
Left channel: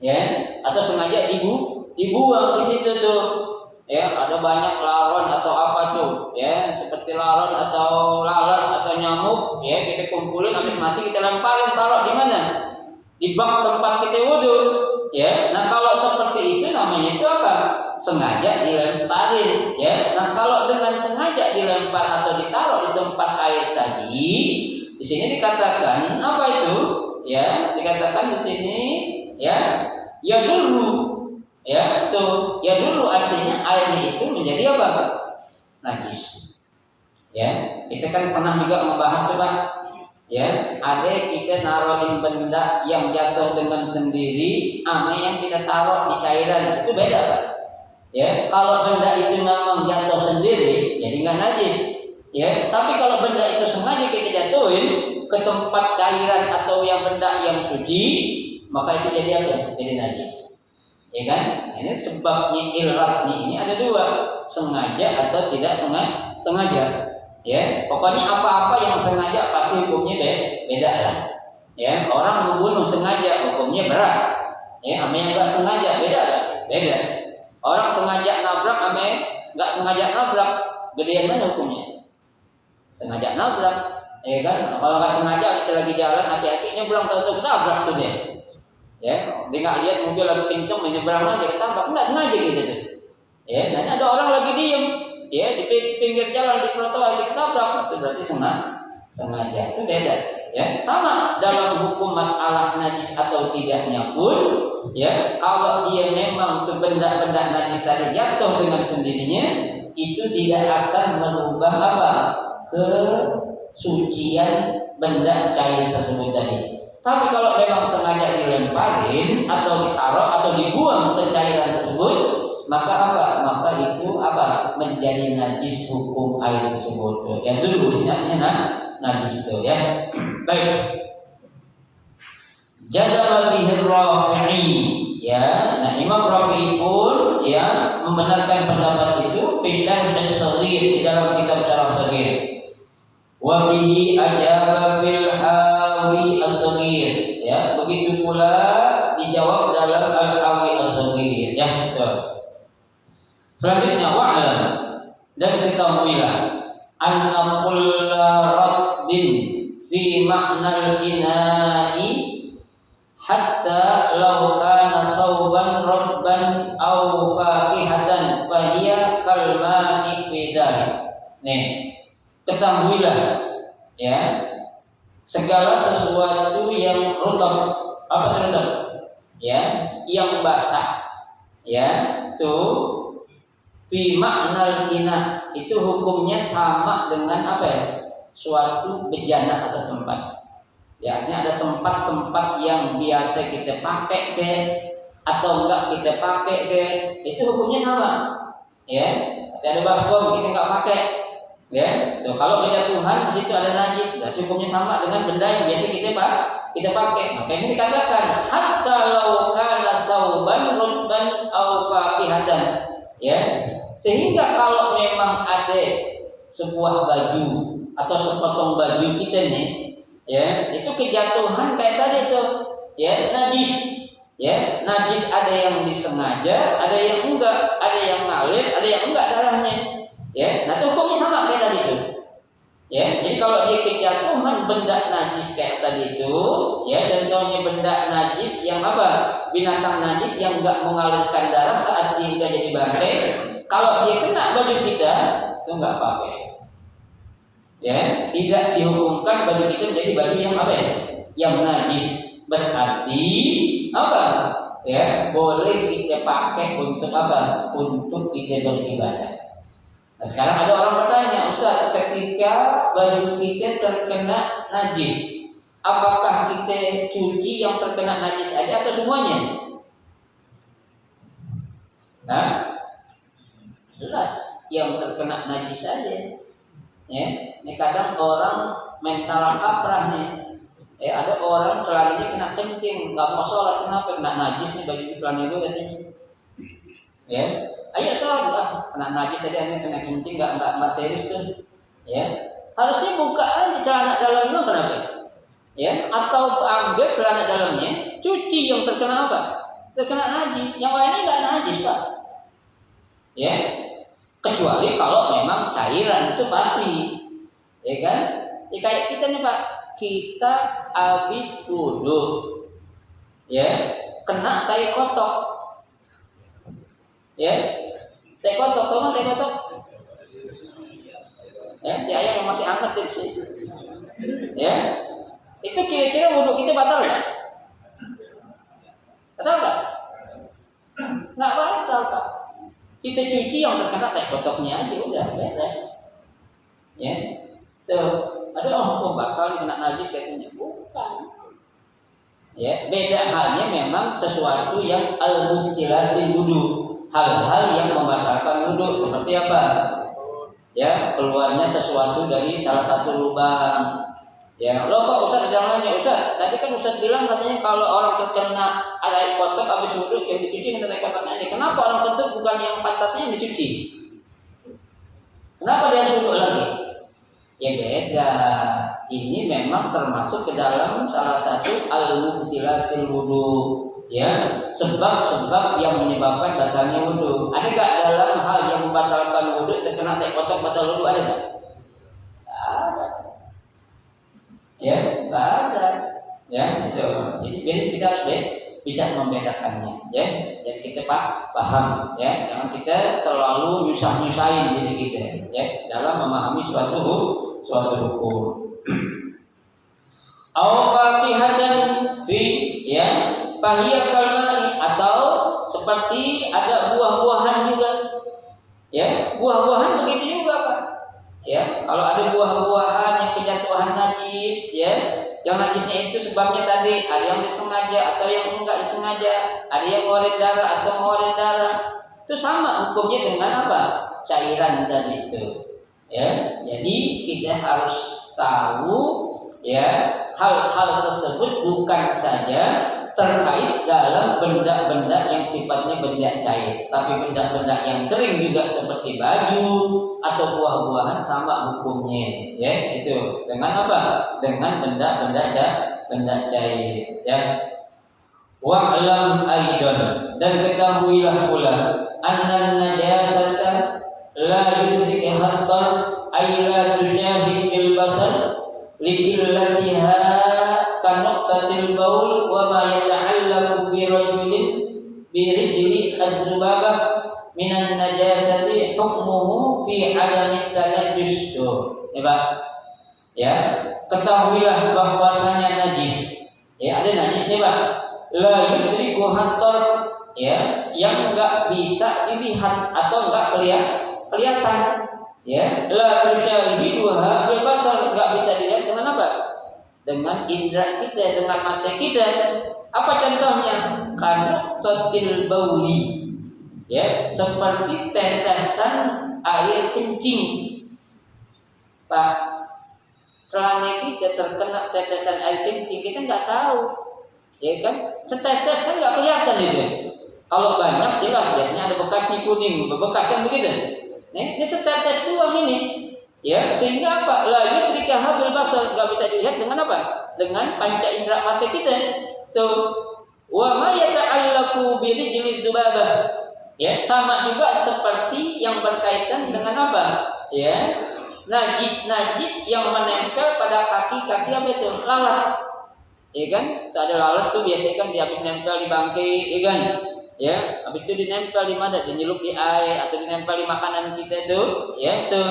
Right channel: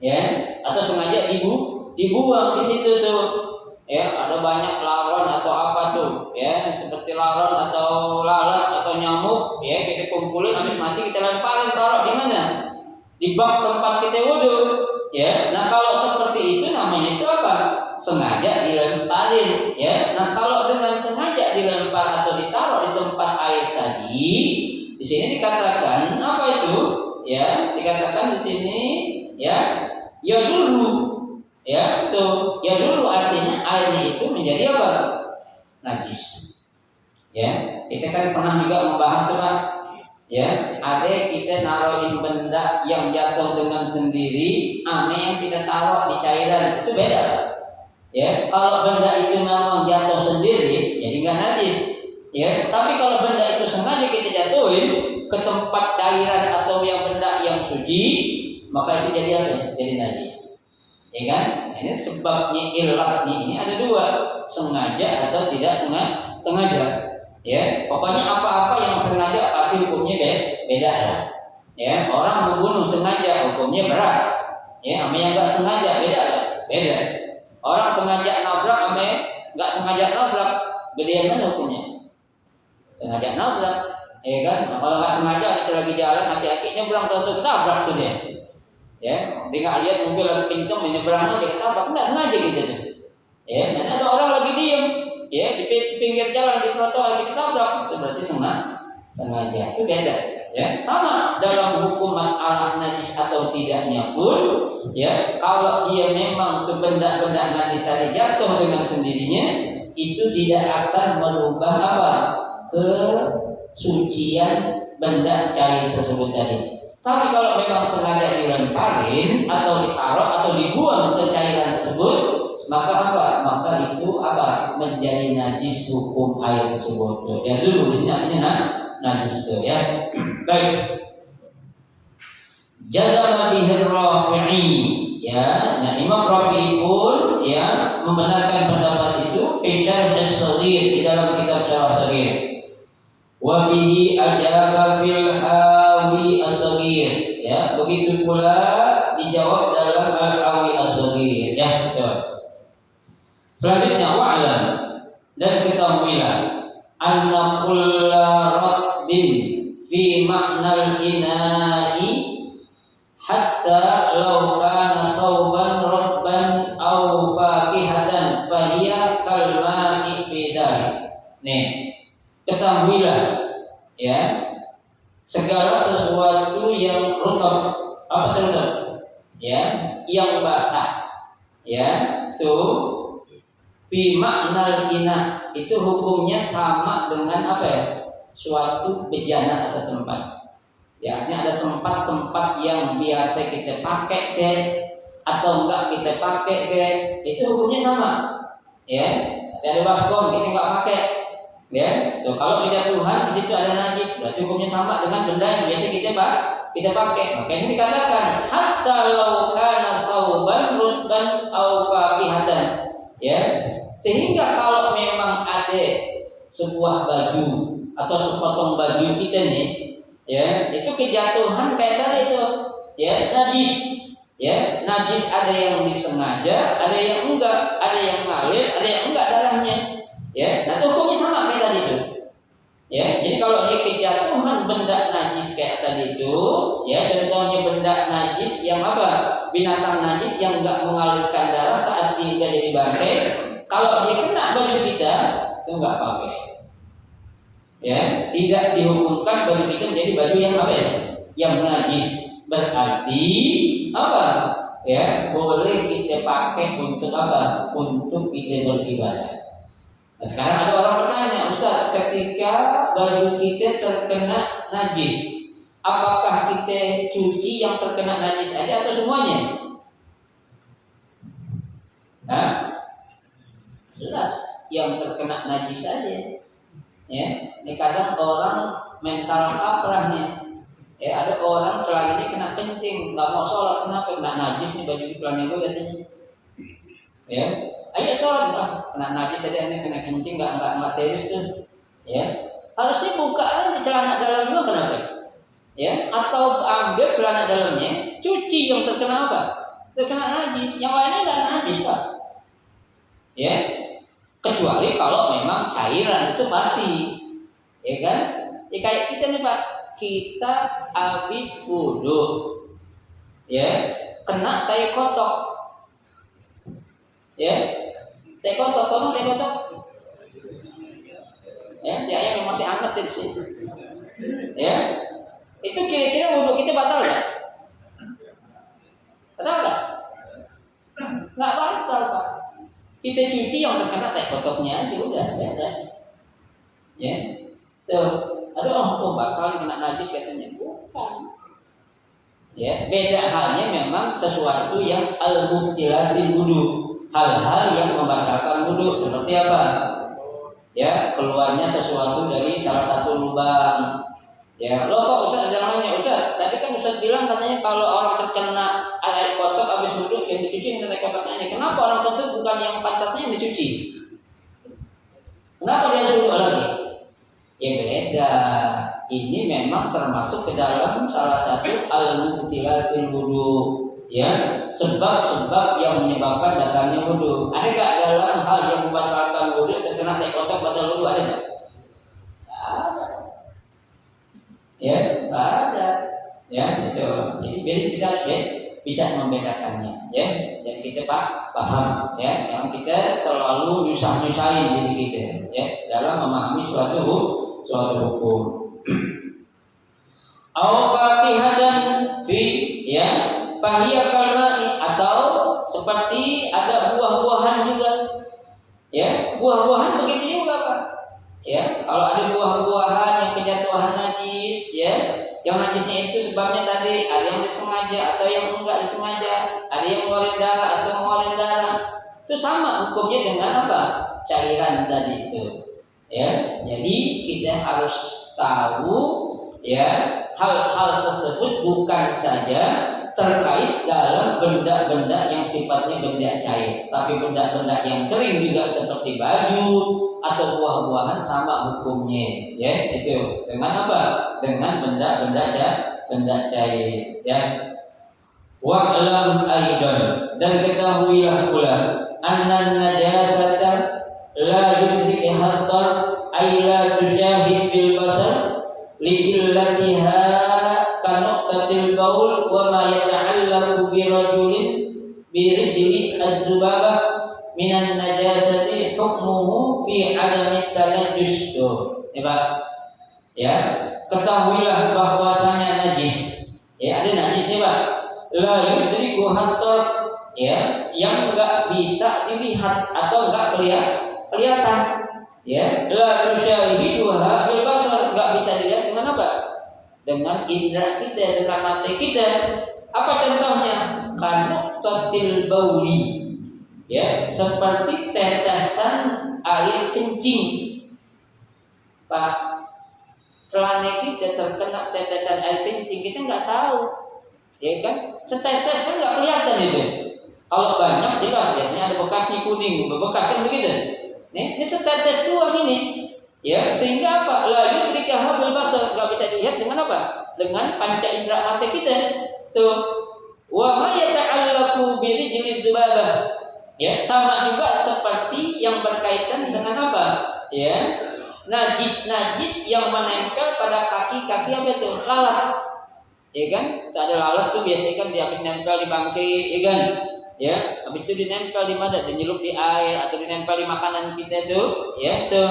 Ya, atau sengaja dibuang di situ tuh. Ya, ada banyak laron atau apa tuh, ya, seperti laron atau lalat atau nyamuk, ya, kita kumpulin habis mati kita lemparin taruh di mana? Di bak tempat kita wudu, ya. Nah, kalau seperti itu namanya itu apa? Sengaja dilemparin, ya. Nah, kalau dengan sengaja dilempar atau ditaruh di tempat air tadi, di sini dikatakan apa itu? Ya, dikatakan di sini, ya, ya dulu. Ya, tuh. Ya dulu artinya airnya itu menjadi apa? Najis. Ya, kita kan pernah juga membahas tuh Pak. Ya, ada kita naruhin benda yang jatuh dengan sendiri, ame yang kita taruh di cairan itu beda Pak. Ya, kalau benda itu memang jatuh sendiri, jadi nggak najis. Ya, tapi kalau benda itu sengaja kita jatuhin ke tempat cairan atau yang benda yang suci, maka itu jadi apa? Jadi najis. Ya kan? Ini sebabnya ilatnya ini ada dua, sengaja atau tidak sengaja. Ya, pokoknya apa-apa yang sengaja pasti hukumnya beda lah. Ya, orang membunuh sengaja hukumnya berat. Ya, sama yang nggak sengaja beda kan? Beda. Orang sengaja nabrak sama nggak sengaja nabrak, gedean mana hukumnya? Sengaja nabrak, ya kan? Nah, kalau nggak sengaja kita lagi jalan, hati-hatinya pulang tahu-tahu ketabrak tuh dia. Ya, dia nggak lihat mobil lagi kenceng menyeberang aja ketabrak, nggak sengaja gitu tuh. Ya, dan ada orang lagi diem, ya di pinggir jalan di trotoar kita tabrak, itu berarti sengaja, itu beda. Ya, sama dalam hukum masalah najis atau tidaknya pun, ya kalau dia memang tuh benda-benda najis tadi jatuh dengan sendirinya, itu tidak akan merubah apa kesucian benda cair tersebut tadi. Tapi kalau memang sengaja dilemparin atau ditaruh atau dibuang ke cairan tersebut, maka apa? Maka itu apa? Menjadi najis hukum air tersebut. Yang dulu di sini artinya najis itu ya. Baik. Jazama bihi Rafi'i, ya Ya, nah Imam Rafi'i pun ya membenarkan pendapat itu fi syarh as-saghir di dalam kitab syarah saghir. Wa bihi ajaba fil hawi as-saghir. Ya, begitu pula dijawab dalam al-hawi as-saghir. Ya, betul. Selanjutnya wa'lam dan ketahuilah anna kulla rabbin fi ma'nal ina'i hatta law kana sauban rabban aw fakihatan fahiya kal ma'i fi dzalik. Nih, ketahuilah ya, segala sesuatu yang rutab, apa itu rutab? Ya, yang basah. Ya, tuh fi ma'nal ina itu hukumnya sama dengan apa ya? Suatu bejana atau tempat. Ya, artinya ada tempat-tempat yang biasa kita pakai ke atau enggak kita pakai ke, itu hukumnya sama. Ya, ada baskom kita enggak pakai. Ya, tuh kalau kejatuhan di situ ada najis, berarti hukumnya sama dengan benda yang biasa kita pakai. Makanya dikatakan hatta law kana sauban rutban aw fakihatan. Ya, sehingga kalau memang ada sebuah baju atau sepotong baju kita nih, ya itu kejatuhan kayak tadi itu, ya najis, ya najis ada yang disengaja, ada yang enggak, ada yang ngalir, ada yang enggak darahnya, ya. Nah itu hukumnya sama kayak tadi itu, ya. Jadi kalau dia kejatuhan benda najis kayak tadi itu, ya contohnya benda najis yang apa, binatang najis yang enggak mengalirkan darah saat dia udah jadi bangkai, kalau dia kena baju kita itu enggak pakai. Ya, tidak dihukumkan baju kita menjadi baju yang apa ya? Yang najis. Berarti apa? Ya, boleh kita pakai untuk apa? Untuk kita beribadah. Nah, sekarang ada orang bertanya, Ustaz, ketika baju kita terkena najis, apakah kita cuci yang terkena najis aja atau semuanya? Nah, jelas yang terkena najis saja. Ya, ini kadang orang main salah kaprah nih. Ya, ada orang celananya kena kencing, nggak mau sholat, kenapa? Kena najis nih baju celana itu katanya. Ya, ayo sholat, kena najis aja ini kena kencing, nggak teris tuh. Ya, harusnya buka aja celana dalamnya, kenapa? Ya, atau ambil celana dalamnya, cuci yang terkena apa? Terkena najis, yang lainnya nggak najis pak. Ya. Kecuali kalau memang cairan itu pasti, ya kan? Ya kayak kita nih Pak, kita habis wudu, ya kena tai kotok, ya tai kotok, tahu tai kotok? Ya, si ayam yang masih hangat sih, ya itu kira-kira wudu kita batal nggak? Batal nggak? Nggak batal Pak. Kita cuci yang terkena tai kotoknya aja udah beres. Ya. Tuh, aduh batal kena najis katanya. Bukan. Ya, beda halnya memang sesuatu yang al-mubtilatil wudu, hal-hal yang membatalkan wudu seperti apa? Ya, keluarnya sesuatu dari salah satu lubang. Ya, loh kok Ustaz ada nanya, Ustaz, tadi kan Ustaz bilang katanya kalau orang terkena air kotor habis wudu yang dicuci minta air kotornya ini. Kenapa orang kentut bukan yang pantatnya yang dicuci? Kenapa dia wudu lagi? Ya beda. Ini memang termasuk ke dalam salah satu al-mubtilatil wudu, ya, sebab-sebab yang menyebabkan batalnya wudu. Ada enggak dalam hal yang membatalkan wudu terkena air kotor batal wudu, ada enggak? Ya, nggak ada. Ya, itu. Jadi kita harus bisa membedakannya, ya. Dan kita paham, ya. Jangan kita terlalu nyusahin diri kita, ya, dalam memahami suatu hukum. Au fakihatan fi, ya, fahiya kalma'i, atau seperti ada buah-buahan juga. Ya, buah-buahan begitu juga, Pak. Ya, kalau ada buah-buahan yang kejatuhan najis, ya, yang najisnya itu sebabnya tadi ada yang disengaja atau yang enggak disengaja, ada yang ngeluarin darah atau ngeluarin darah, itu sama hukumnya dengan apa? Cairan tadi itu. Ya, jadi kita harus tahu, ya, hal-hal tersebut bukan saja terkait dalam benda-benda yang sifatnya benda cair. Tapi benda-benda yang kering juga seperti baju atau buah-buahan sama hukumnya. Ya, itu dengan apa? Dengan benda-benda cair. Ya. Wa'lam aidan, dan ketahuilah pula annan najasata la yudriki hatta ay la tusyahid bil basar likillatiha kanuqtatil baul wa ma yata'allaqu bi rajulin bi rijli az-zubabah minan najasati hukmuhu fi adami tanajjus. Ya Pak. Ya, ketahuilah bahwasanya najis. Ya, ada najisnya Pak. La yudriku hatta, ya, yang enggak bisa dilihat atau enggak kelihatan. Ya, la tusyahiduha bil basar, enggak bisa dilihat dengan apa? Dengan indera kita, dengan mata kita. Apa contohnya? Kanuqtatil bauli. Ya, seperti tetesan air kencing. Pak, celana kita terkena tetesan air kencing, kita enggak tahu. Ya kan? Setetes kan nggak kelihatan itu. Kalau banyak jelas biasanya ada bekasnya kuning, bebekas kan begitu. Nih, ini setetes doang ini. Ya, sehingga apa? La yudrika habil basar, nggak bisa dilihat dengan apa? Dengan panca indera mata kita. Tuh. Wa ma yata'allaqu bi rijli dzubabah. Ya, sama juga seperti yang berkaitan dengan apa? Ya. Najis-najis yang menempel pada kaki-kaki apa itu? Lalat. Ya kan? Ada lalat tuh biasanya kan dia habis nempel di bangkai, ya kan? Ya, habis itu dinempel di mana? Dinyelup di air atau dinempel di makanan kita tuh, ya itu.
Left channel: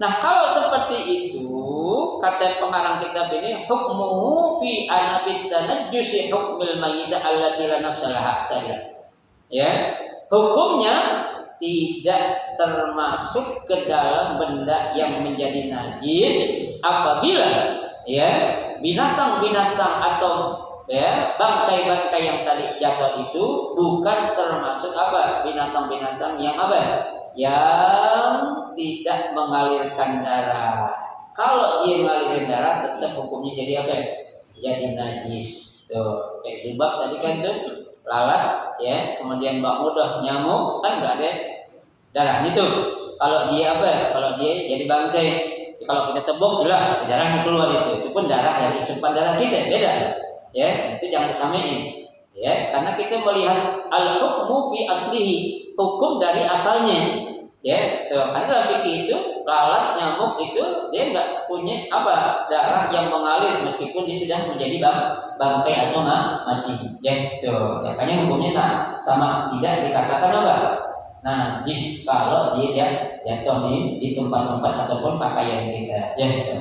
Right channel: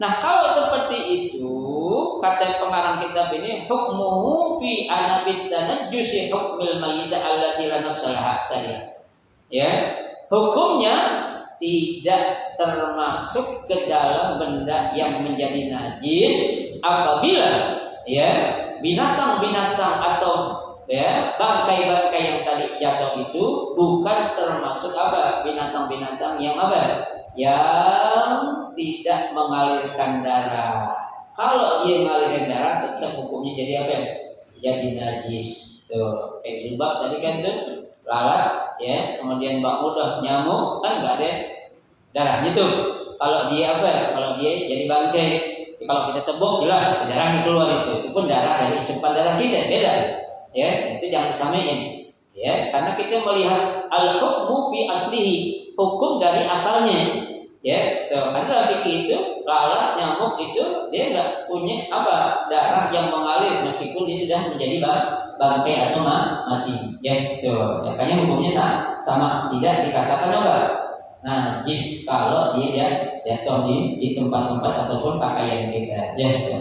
Nah, kalau seperti itu, kata pengarang kitab ini, hukmuhu fi anabit tanajjusi hukmil mayyit allati la nafsalaha saja. Ya, hukumnya tidak termasuk ke dalam benda yang menjadi najis apabila ya binatang-binatang atau ya bangkai-bangkai yang tadi jatuh itu bukan termasuk apa? Binatang-binatang yang apa? Yang tidak mengalirkan darah. Kalau dia mengalirkan darah tetap hukumnya jadi apa? Jadi najis. Tuh, kayak zubab tadi kan tuh lalat ya, kemudian bak mudah nyamuk kan enggak ada darahnya tuh. Kalau dia apa? Kalau dia jadi bangkai. Kalau kita cebok jelas darahnya keluar itu pun darah dari isipan darah kita beda, ya itu jangan disamain, ya karena kita melihat al hukmu fi aslihi, hukum dari asalnya, ya karena dalam fikih itu lalat nyamuk itu dia nggak punya apa darah yang mengalir meskipun dia sudah menjadi bangkai atau mati, ya tuh makanya hukumnya sama tidak dikatakan apa najis kalau dia jatuh di tempat-tempat ataupun pakaian kita. Ya.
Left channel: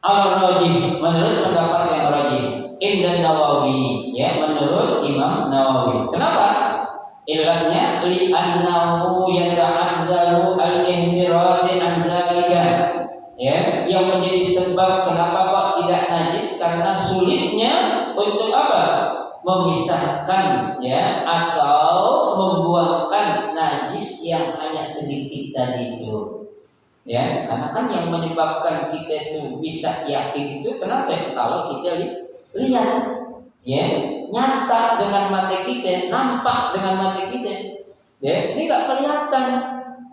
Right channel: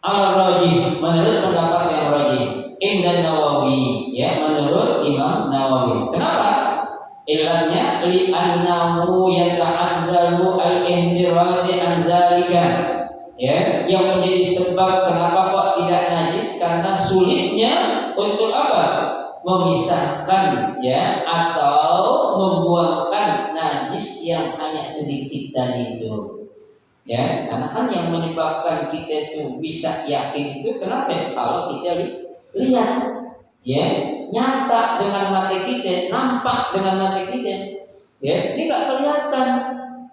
Al-Rajih menurut pendapat yang rajih, Indan Nawawi, ya menurut Imam Nawawi. Kenapa? Illatnya li annahu yata'azzalu al-ihtiraz an zalika. Ya, yang menjadi sebab kenapa kok tidak najis karena sulitnya untuk apa? Memisahkan ya atau membuangkan najis yang hanya sedikit tadi itu. Ya, karena kan yang menyebabkan kita itu bisa yakin itu kenapa? Kalau kita lihat ya, nyata dengan mata kita, nampak dengan mata kita. Ya, ini enggak kelihatan.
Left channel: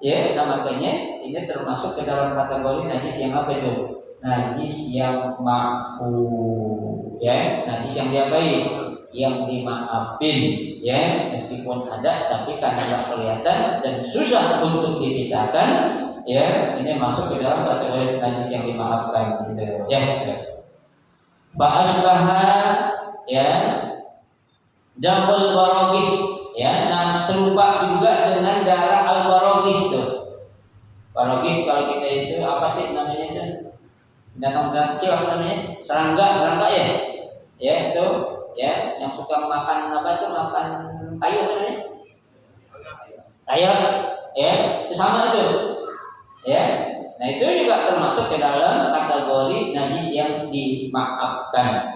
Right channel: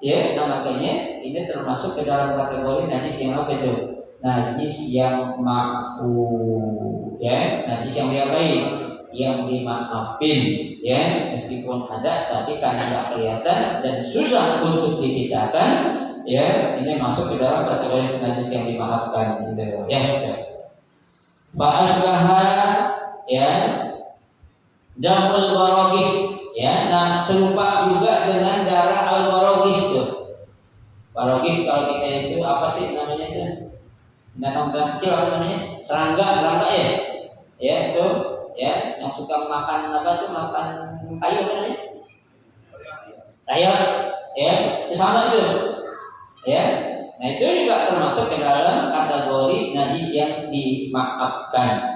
Ya, nah makanya ini termasuk ke dalam kategori najis yang apa itu? Najis yang ma'fu. Ya, najis yang diapain? Yang dimaafin, ya meskipun ada tapi karena tidak kelihatan dan susah untuk dipisahkan, ya ini masuk ke dalam kategori najis yang dimaafkan, gitu ya. Fa'asbaha ya damul barogis, ya nah serupa juga dengan darah al barogis tuh. Barogis kalau kita itu apa sih namanya itu? Binatang kecil apa namanya? Serangga ya, ya itu. Ya, yang suka makan apa itu makan kayu apa namanya? Rayap, ya itu sama itu, ya. Nah itu juga termasuk ke dalam kategori najis yang dimaafkan.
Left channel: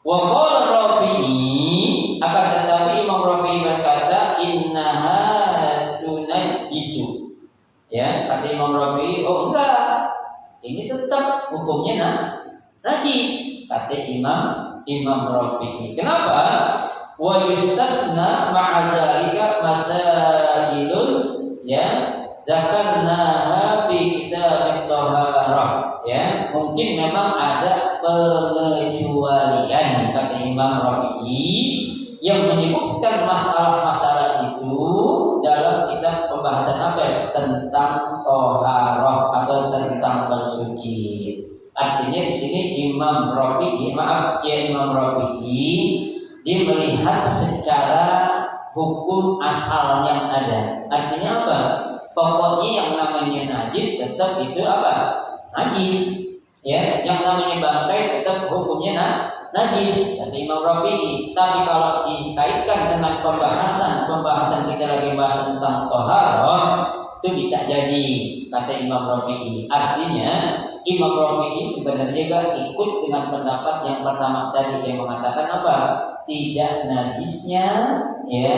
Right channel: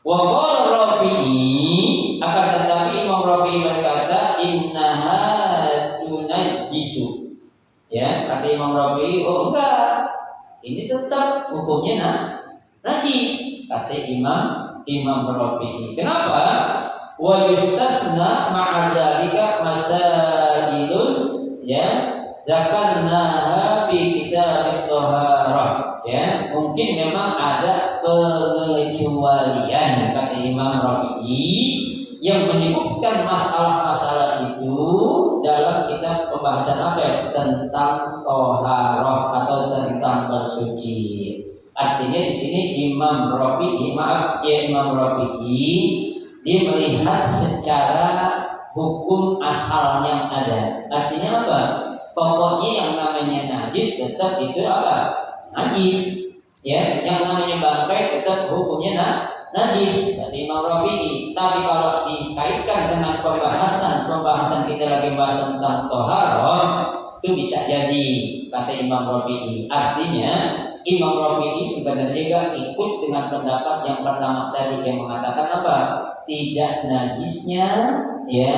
Wa qala Rafi'i, akan tetapi Imam Rafi'i berkata innaha tunajjisu. Ya, kata Imam Rafi'i, oh enggak, ini tetap hukumnya najis, kata Imam Imam Rafi'i. Kenapa? Wa yustasna ma'a dzalika masailun ya zakarnaha fi kitab at-taharah. Ya, mungkin memang ada pengecualian kata Imam Rafi'i yang menyebutkan masalah-masalah itu dalam kitab pembahasan apa ya? Tentang toharoh atau tentang bersuci. Artinya di sini Imam Rafi'i dia melihat secara hukum asal yang ada. Artinya apa? Pokoknya yang namanya najis tetap itu apa? Najis. Ya, yang namanya bangkai tetap hukumnya najis kata Imam Rafi'i. Tapi kalau dikaitkan dengan pembahasan kita lagi bahas tentang toharoh, itu bisa jadi kata Imam Rafi'i. Artinya Imam Rafi'i sebenarnya juga ikut dengan pendapat yang pertama tadi yang mengatakan apa? Tidak najisnya ya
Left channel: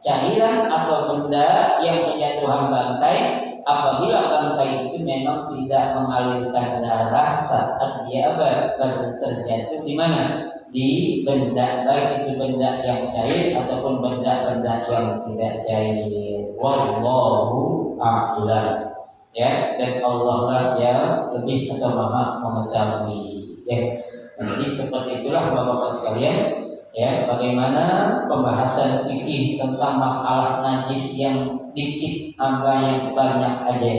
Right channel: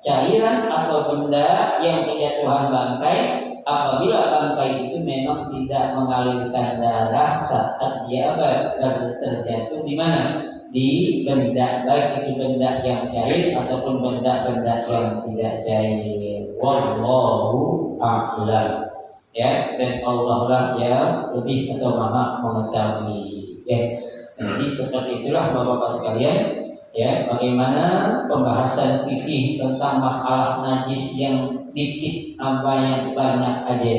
cairan atau benda yang berjatuhan bangkai apabila bangkai itu memang tidak mengalirkan darah saat dia terjatuh di mana? Di benda, baik itu benda yang cair ataupun benda-benda yang tidak cair. Wallahu a'lam. Ya, dan Allah lah yang lebih atau maha mengetahui. Ya, jadi seperti itulah bapak-bapak sekalian. Ya, bagaimana pembahasan fikih tentang masalah najis yang dikit sama yang banyak aja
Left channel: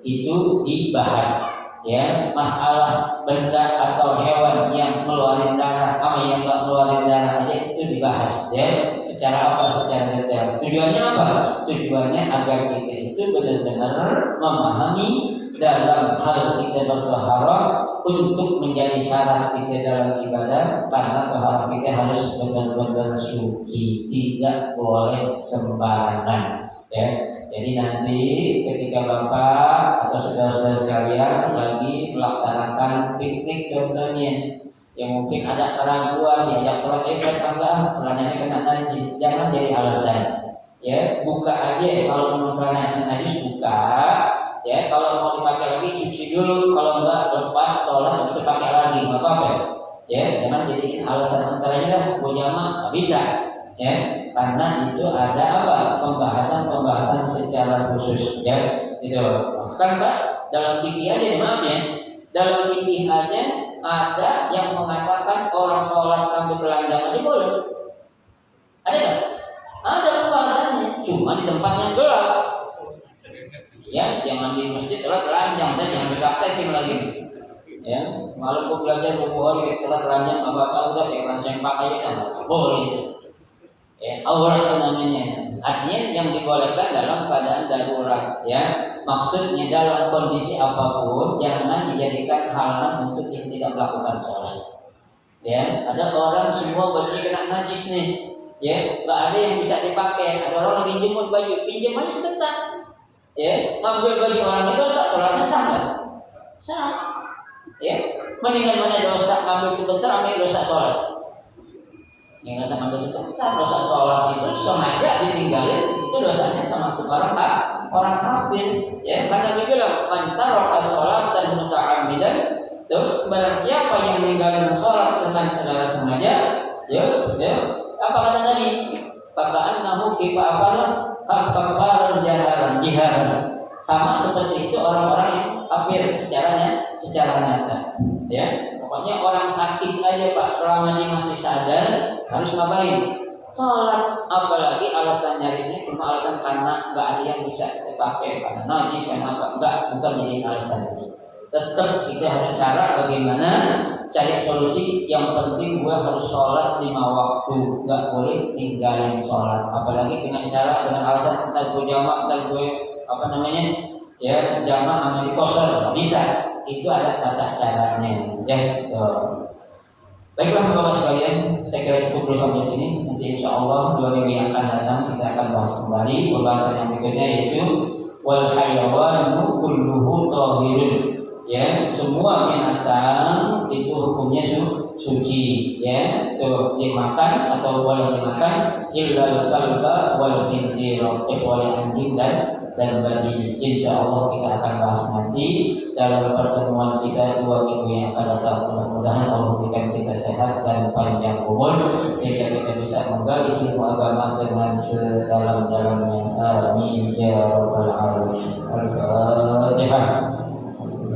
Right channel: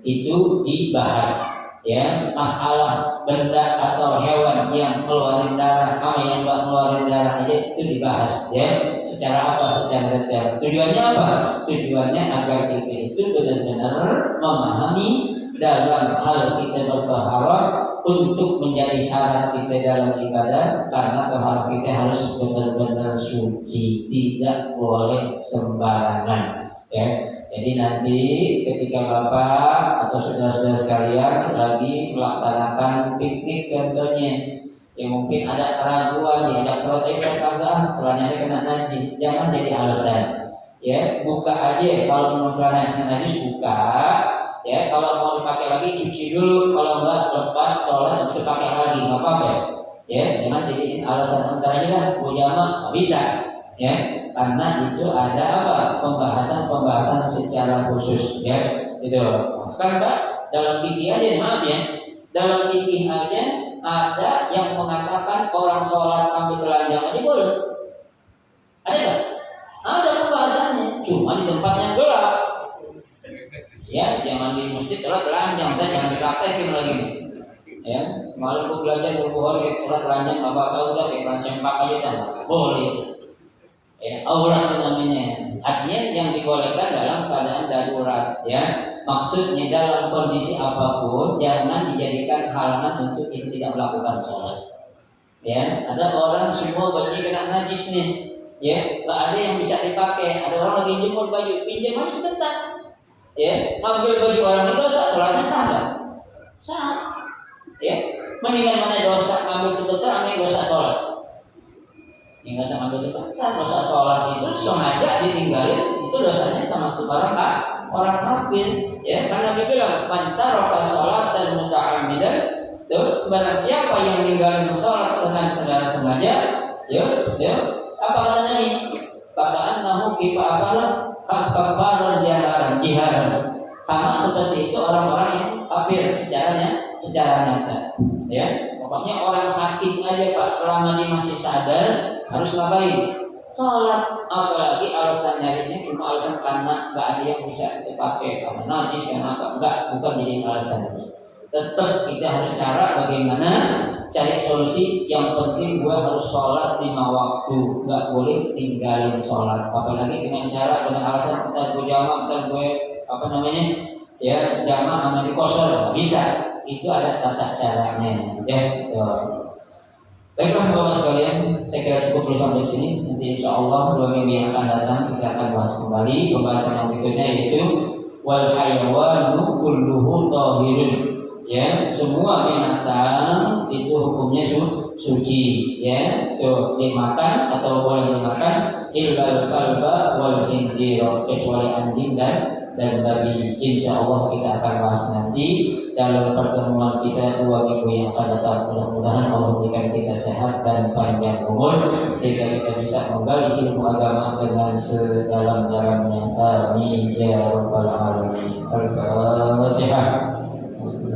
itu dibahas. Ya, masalah benda atau hewan yang keluarin darah sama yang enggak keluarin darah aja itu dibahas. Ya, secara apa? Secara detail. Tujuannya apa? Tujuannya agar kita itu benar-benar memahami dalam hal kita bertaharah untuk menjadi syarat kita dalam ibadah, karena taharah kita harus benar-benar suci, tidak boleh sembarangan. Ya, jadi nanti ketika bapak atau saudara-saudara sekalian lagi melaksanakan piknik contohnya, yang mungkin ada keraguan diajak sholat tetangga, celananya kena najis, jangan jadi alasan. Ya, buka aja kalau mau celananya najis buka. Ya, kalau mau dipakai lagi cuci dulu, kalau enggak lepas sholat bisa pakai lagi, nggak apa-apa. Ya, jangan jadiin alasan antaranya lah, gue jamak nggak bisa. Ya, karena itu ada apa? Pembahasan secara khusus. Ya, itu. Kan Pak, dalam fikih aja, maaf ya, dalam fikih aja ada yang mengatakan orang sholat sambil telanjang aja boleh. Ada nggak? Ada pembahasannya, cuma di tempat yang gelap. Ya, jangan di masjid sholat telanjang, jangan dipraktekin lagi. Ya, malam gua belajar 2 hari kayak sholat telanjang, apa udah kayak sempak aja dah, boleh. Ya, aurat itu namanya. Artinya yang dibolehkan dalam keadaan darurat. Ya, maksudnya dalam kondisi apapun jangan dijadikan halangan untuk yang tidak melakukan sholat. Ya, ada orang semua bajunya kena najis nih. Ya, nggak ada yang bisa dipakai. Ada orang lagi jemur baju, pinjam aja sebentar. Ya, ngambil baju orang itu dosa, sholatnya sah nggak? Sah. Ya, mendingan mana dosa ngambil sebentar, ambil dosa sholat. Yang dosa ngambil sebentar, dosa sholat itu sengaja ditinggalin, itu dosanya sama orang kafir. Ya, karena dia bilang mantaroka sholat dan muta'ammidan, tuh barang siapa yang meninggalkan sholat sedang sengaja, ya, apa kata tadi? Kata annahu kafar jihad. Sama seperti itu orang-orang yang kafir secara nyata. Ya, pokoknya orang sakit aja Pak, selama dia masih sadar harus ngapain? Sholat. Apalagi alasan nyarinya cuma alasan karena nggak ada yang bisa dipakai, karena najis yang enggak, bukan jadi alasannya. Tetap kita harus cara bagaimana cari solusi. Yang penting gue harus sholat 5 waktu, nggak boleh tinggalin sholat. Apalagi dengan alasan entar gue jamak, entar gue ya jamak namanya kosong, nggak bisa. Itu ada tata caranya. Ya, baiklah bapak sekalian, saya kira cukup dulu sampai sini. Nanti insya Allah 2 minggu yang akan datang kita akan bahas kembali pembahasan yang berikutnya, yaitu wal hayawanu kulluhu tahirun. Ya, semua binatang itu hukumnya suci. Ya, tuh dimakan atau boleh dimakan illal kalba wal khinzir, kecuali anjing dan babi. Insya Allah kita akan bahas nanti dalam pertemuan kita 2 minggu yang akan datang. Mudah-mudahan Allah memberikan kita sehat dan panjang umur sehingga kita bisa menggali ilmu agama dengan sedalam-dalamnya. Amin ya rabbal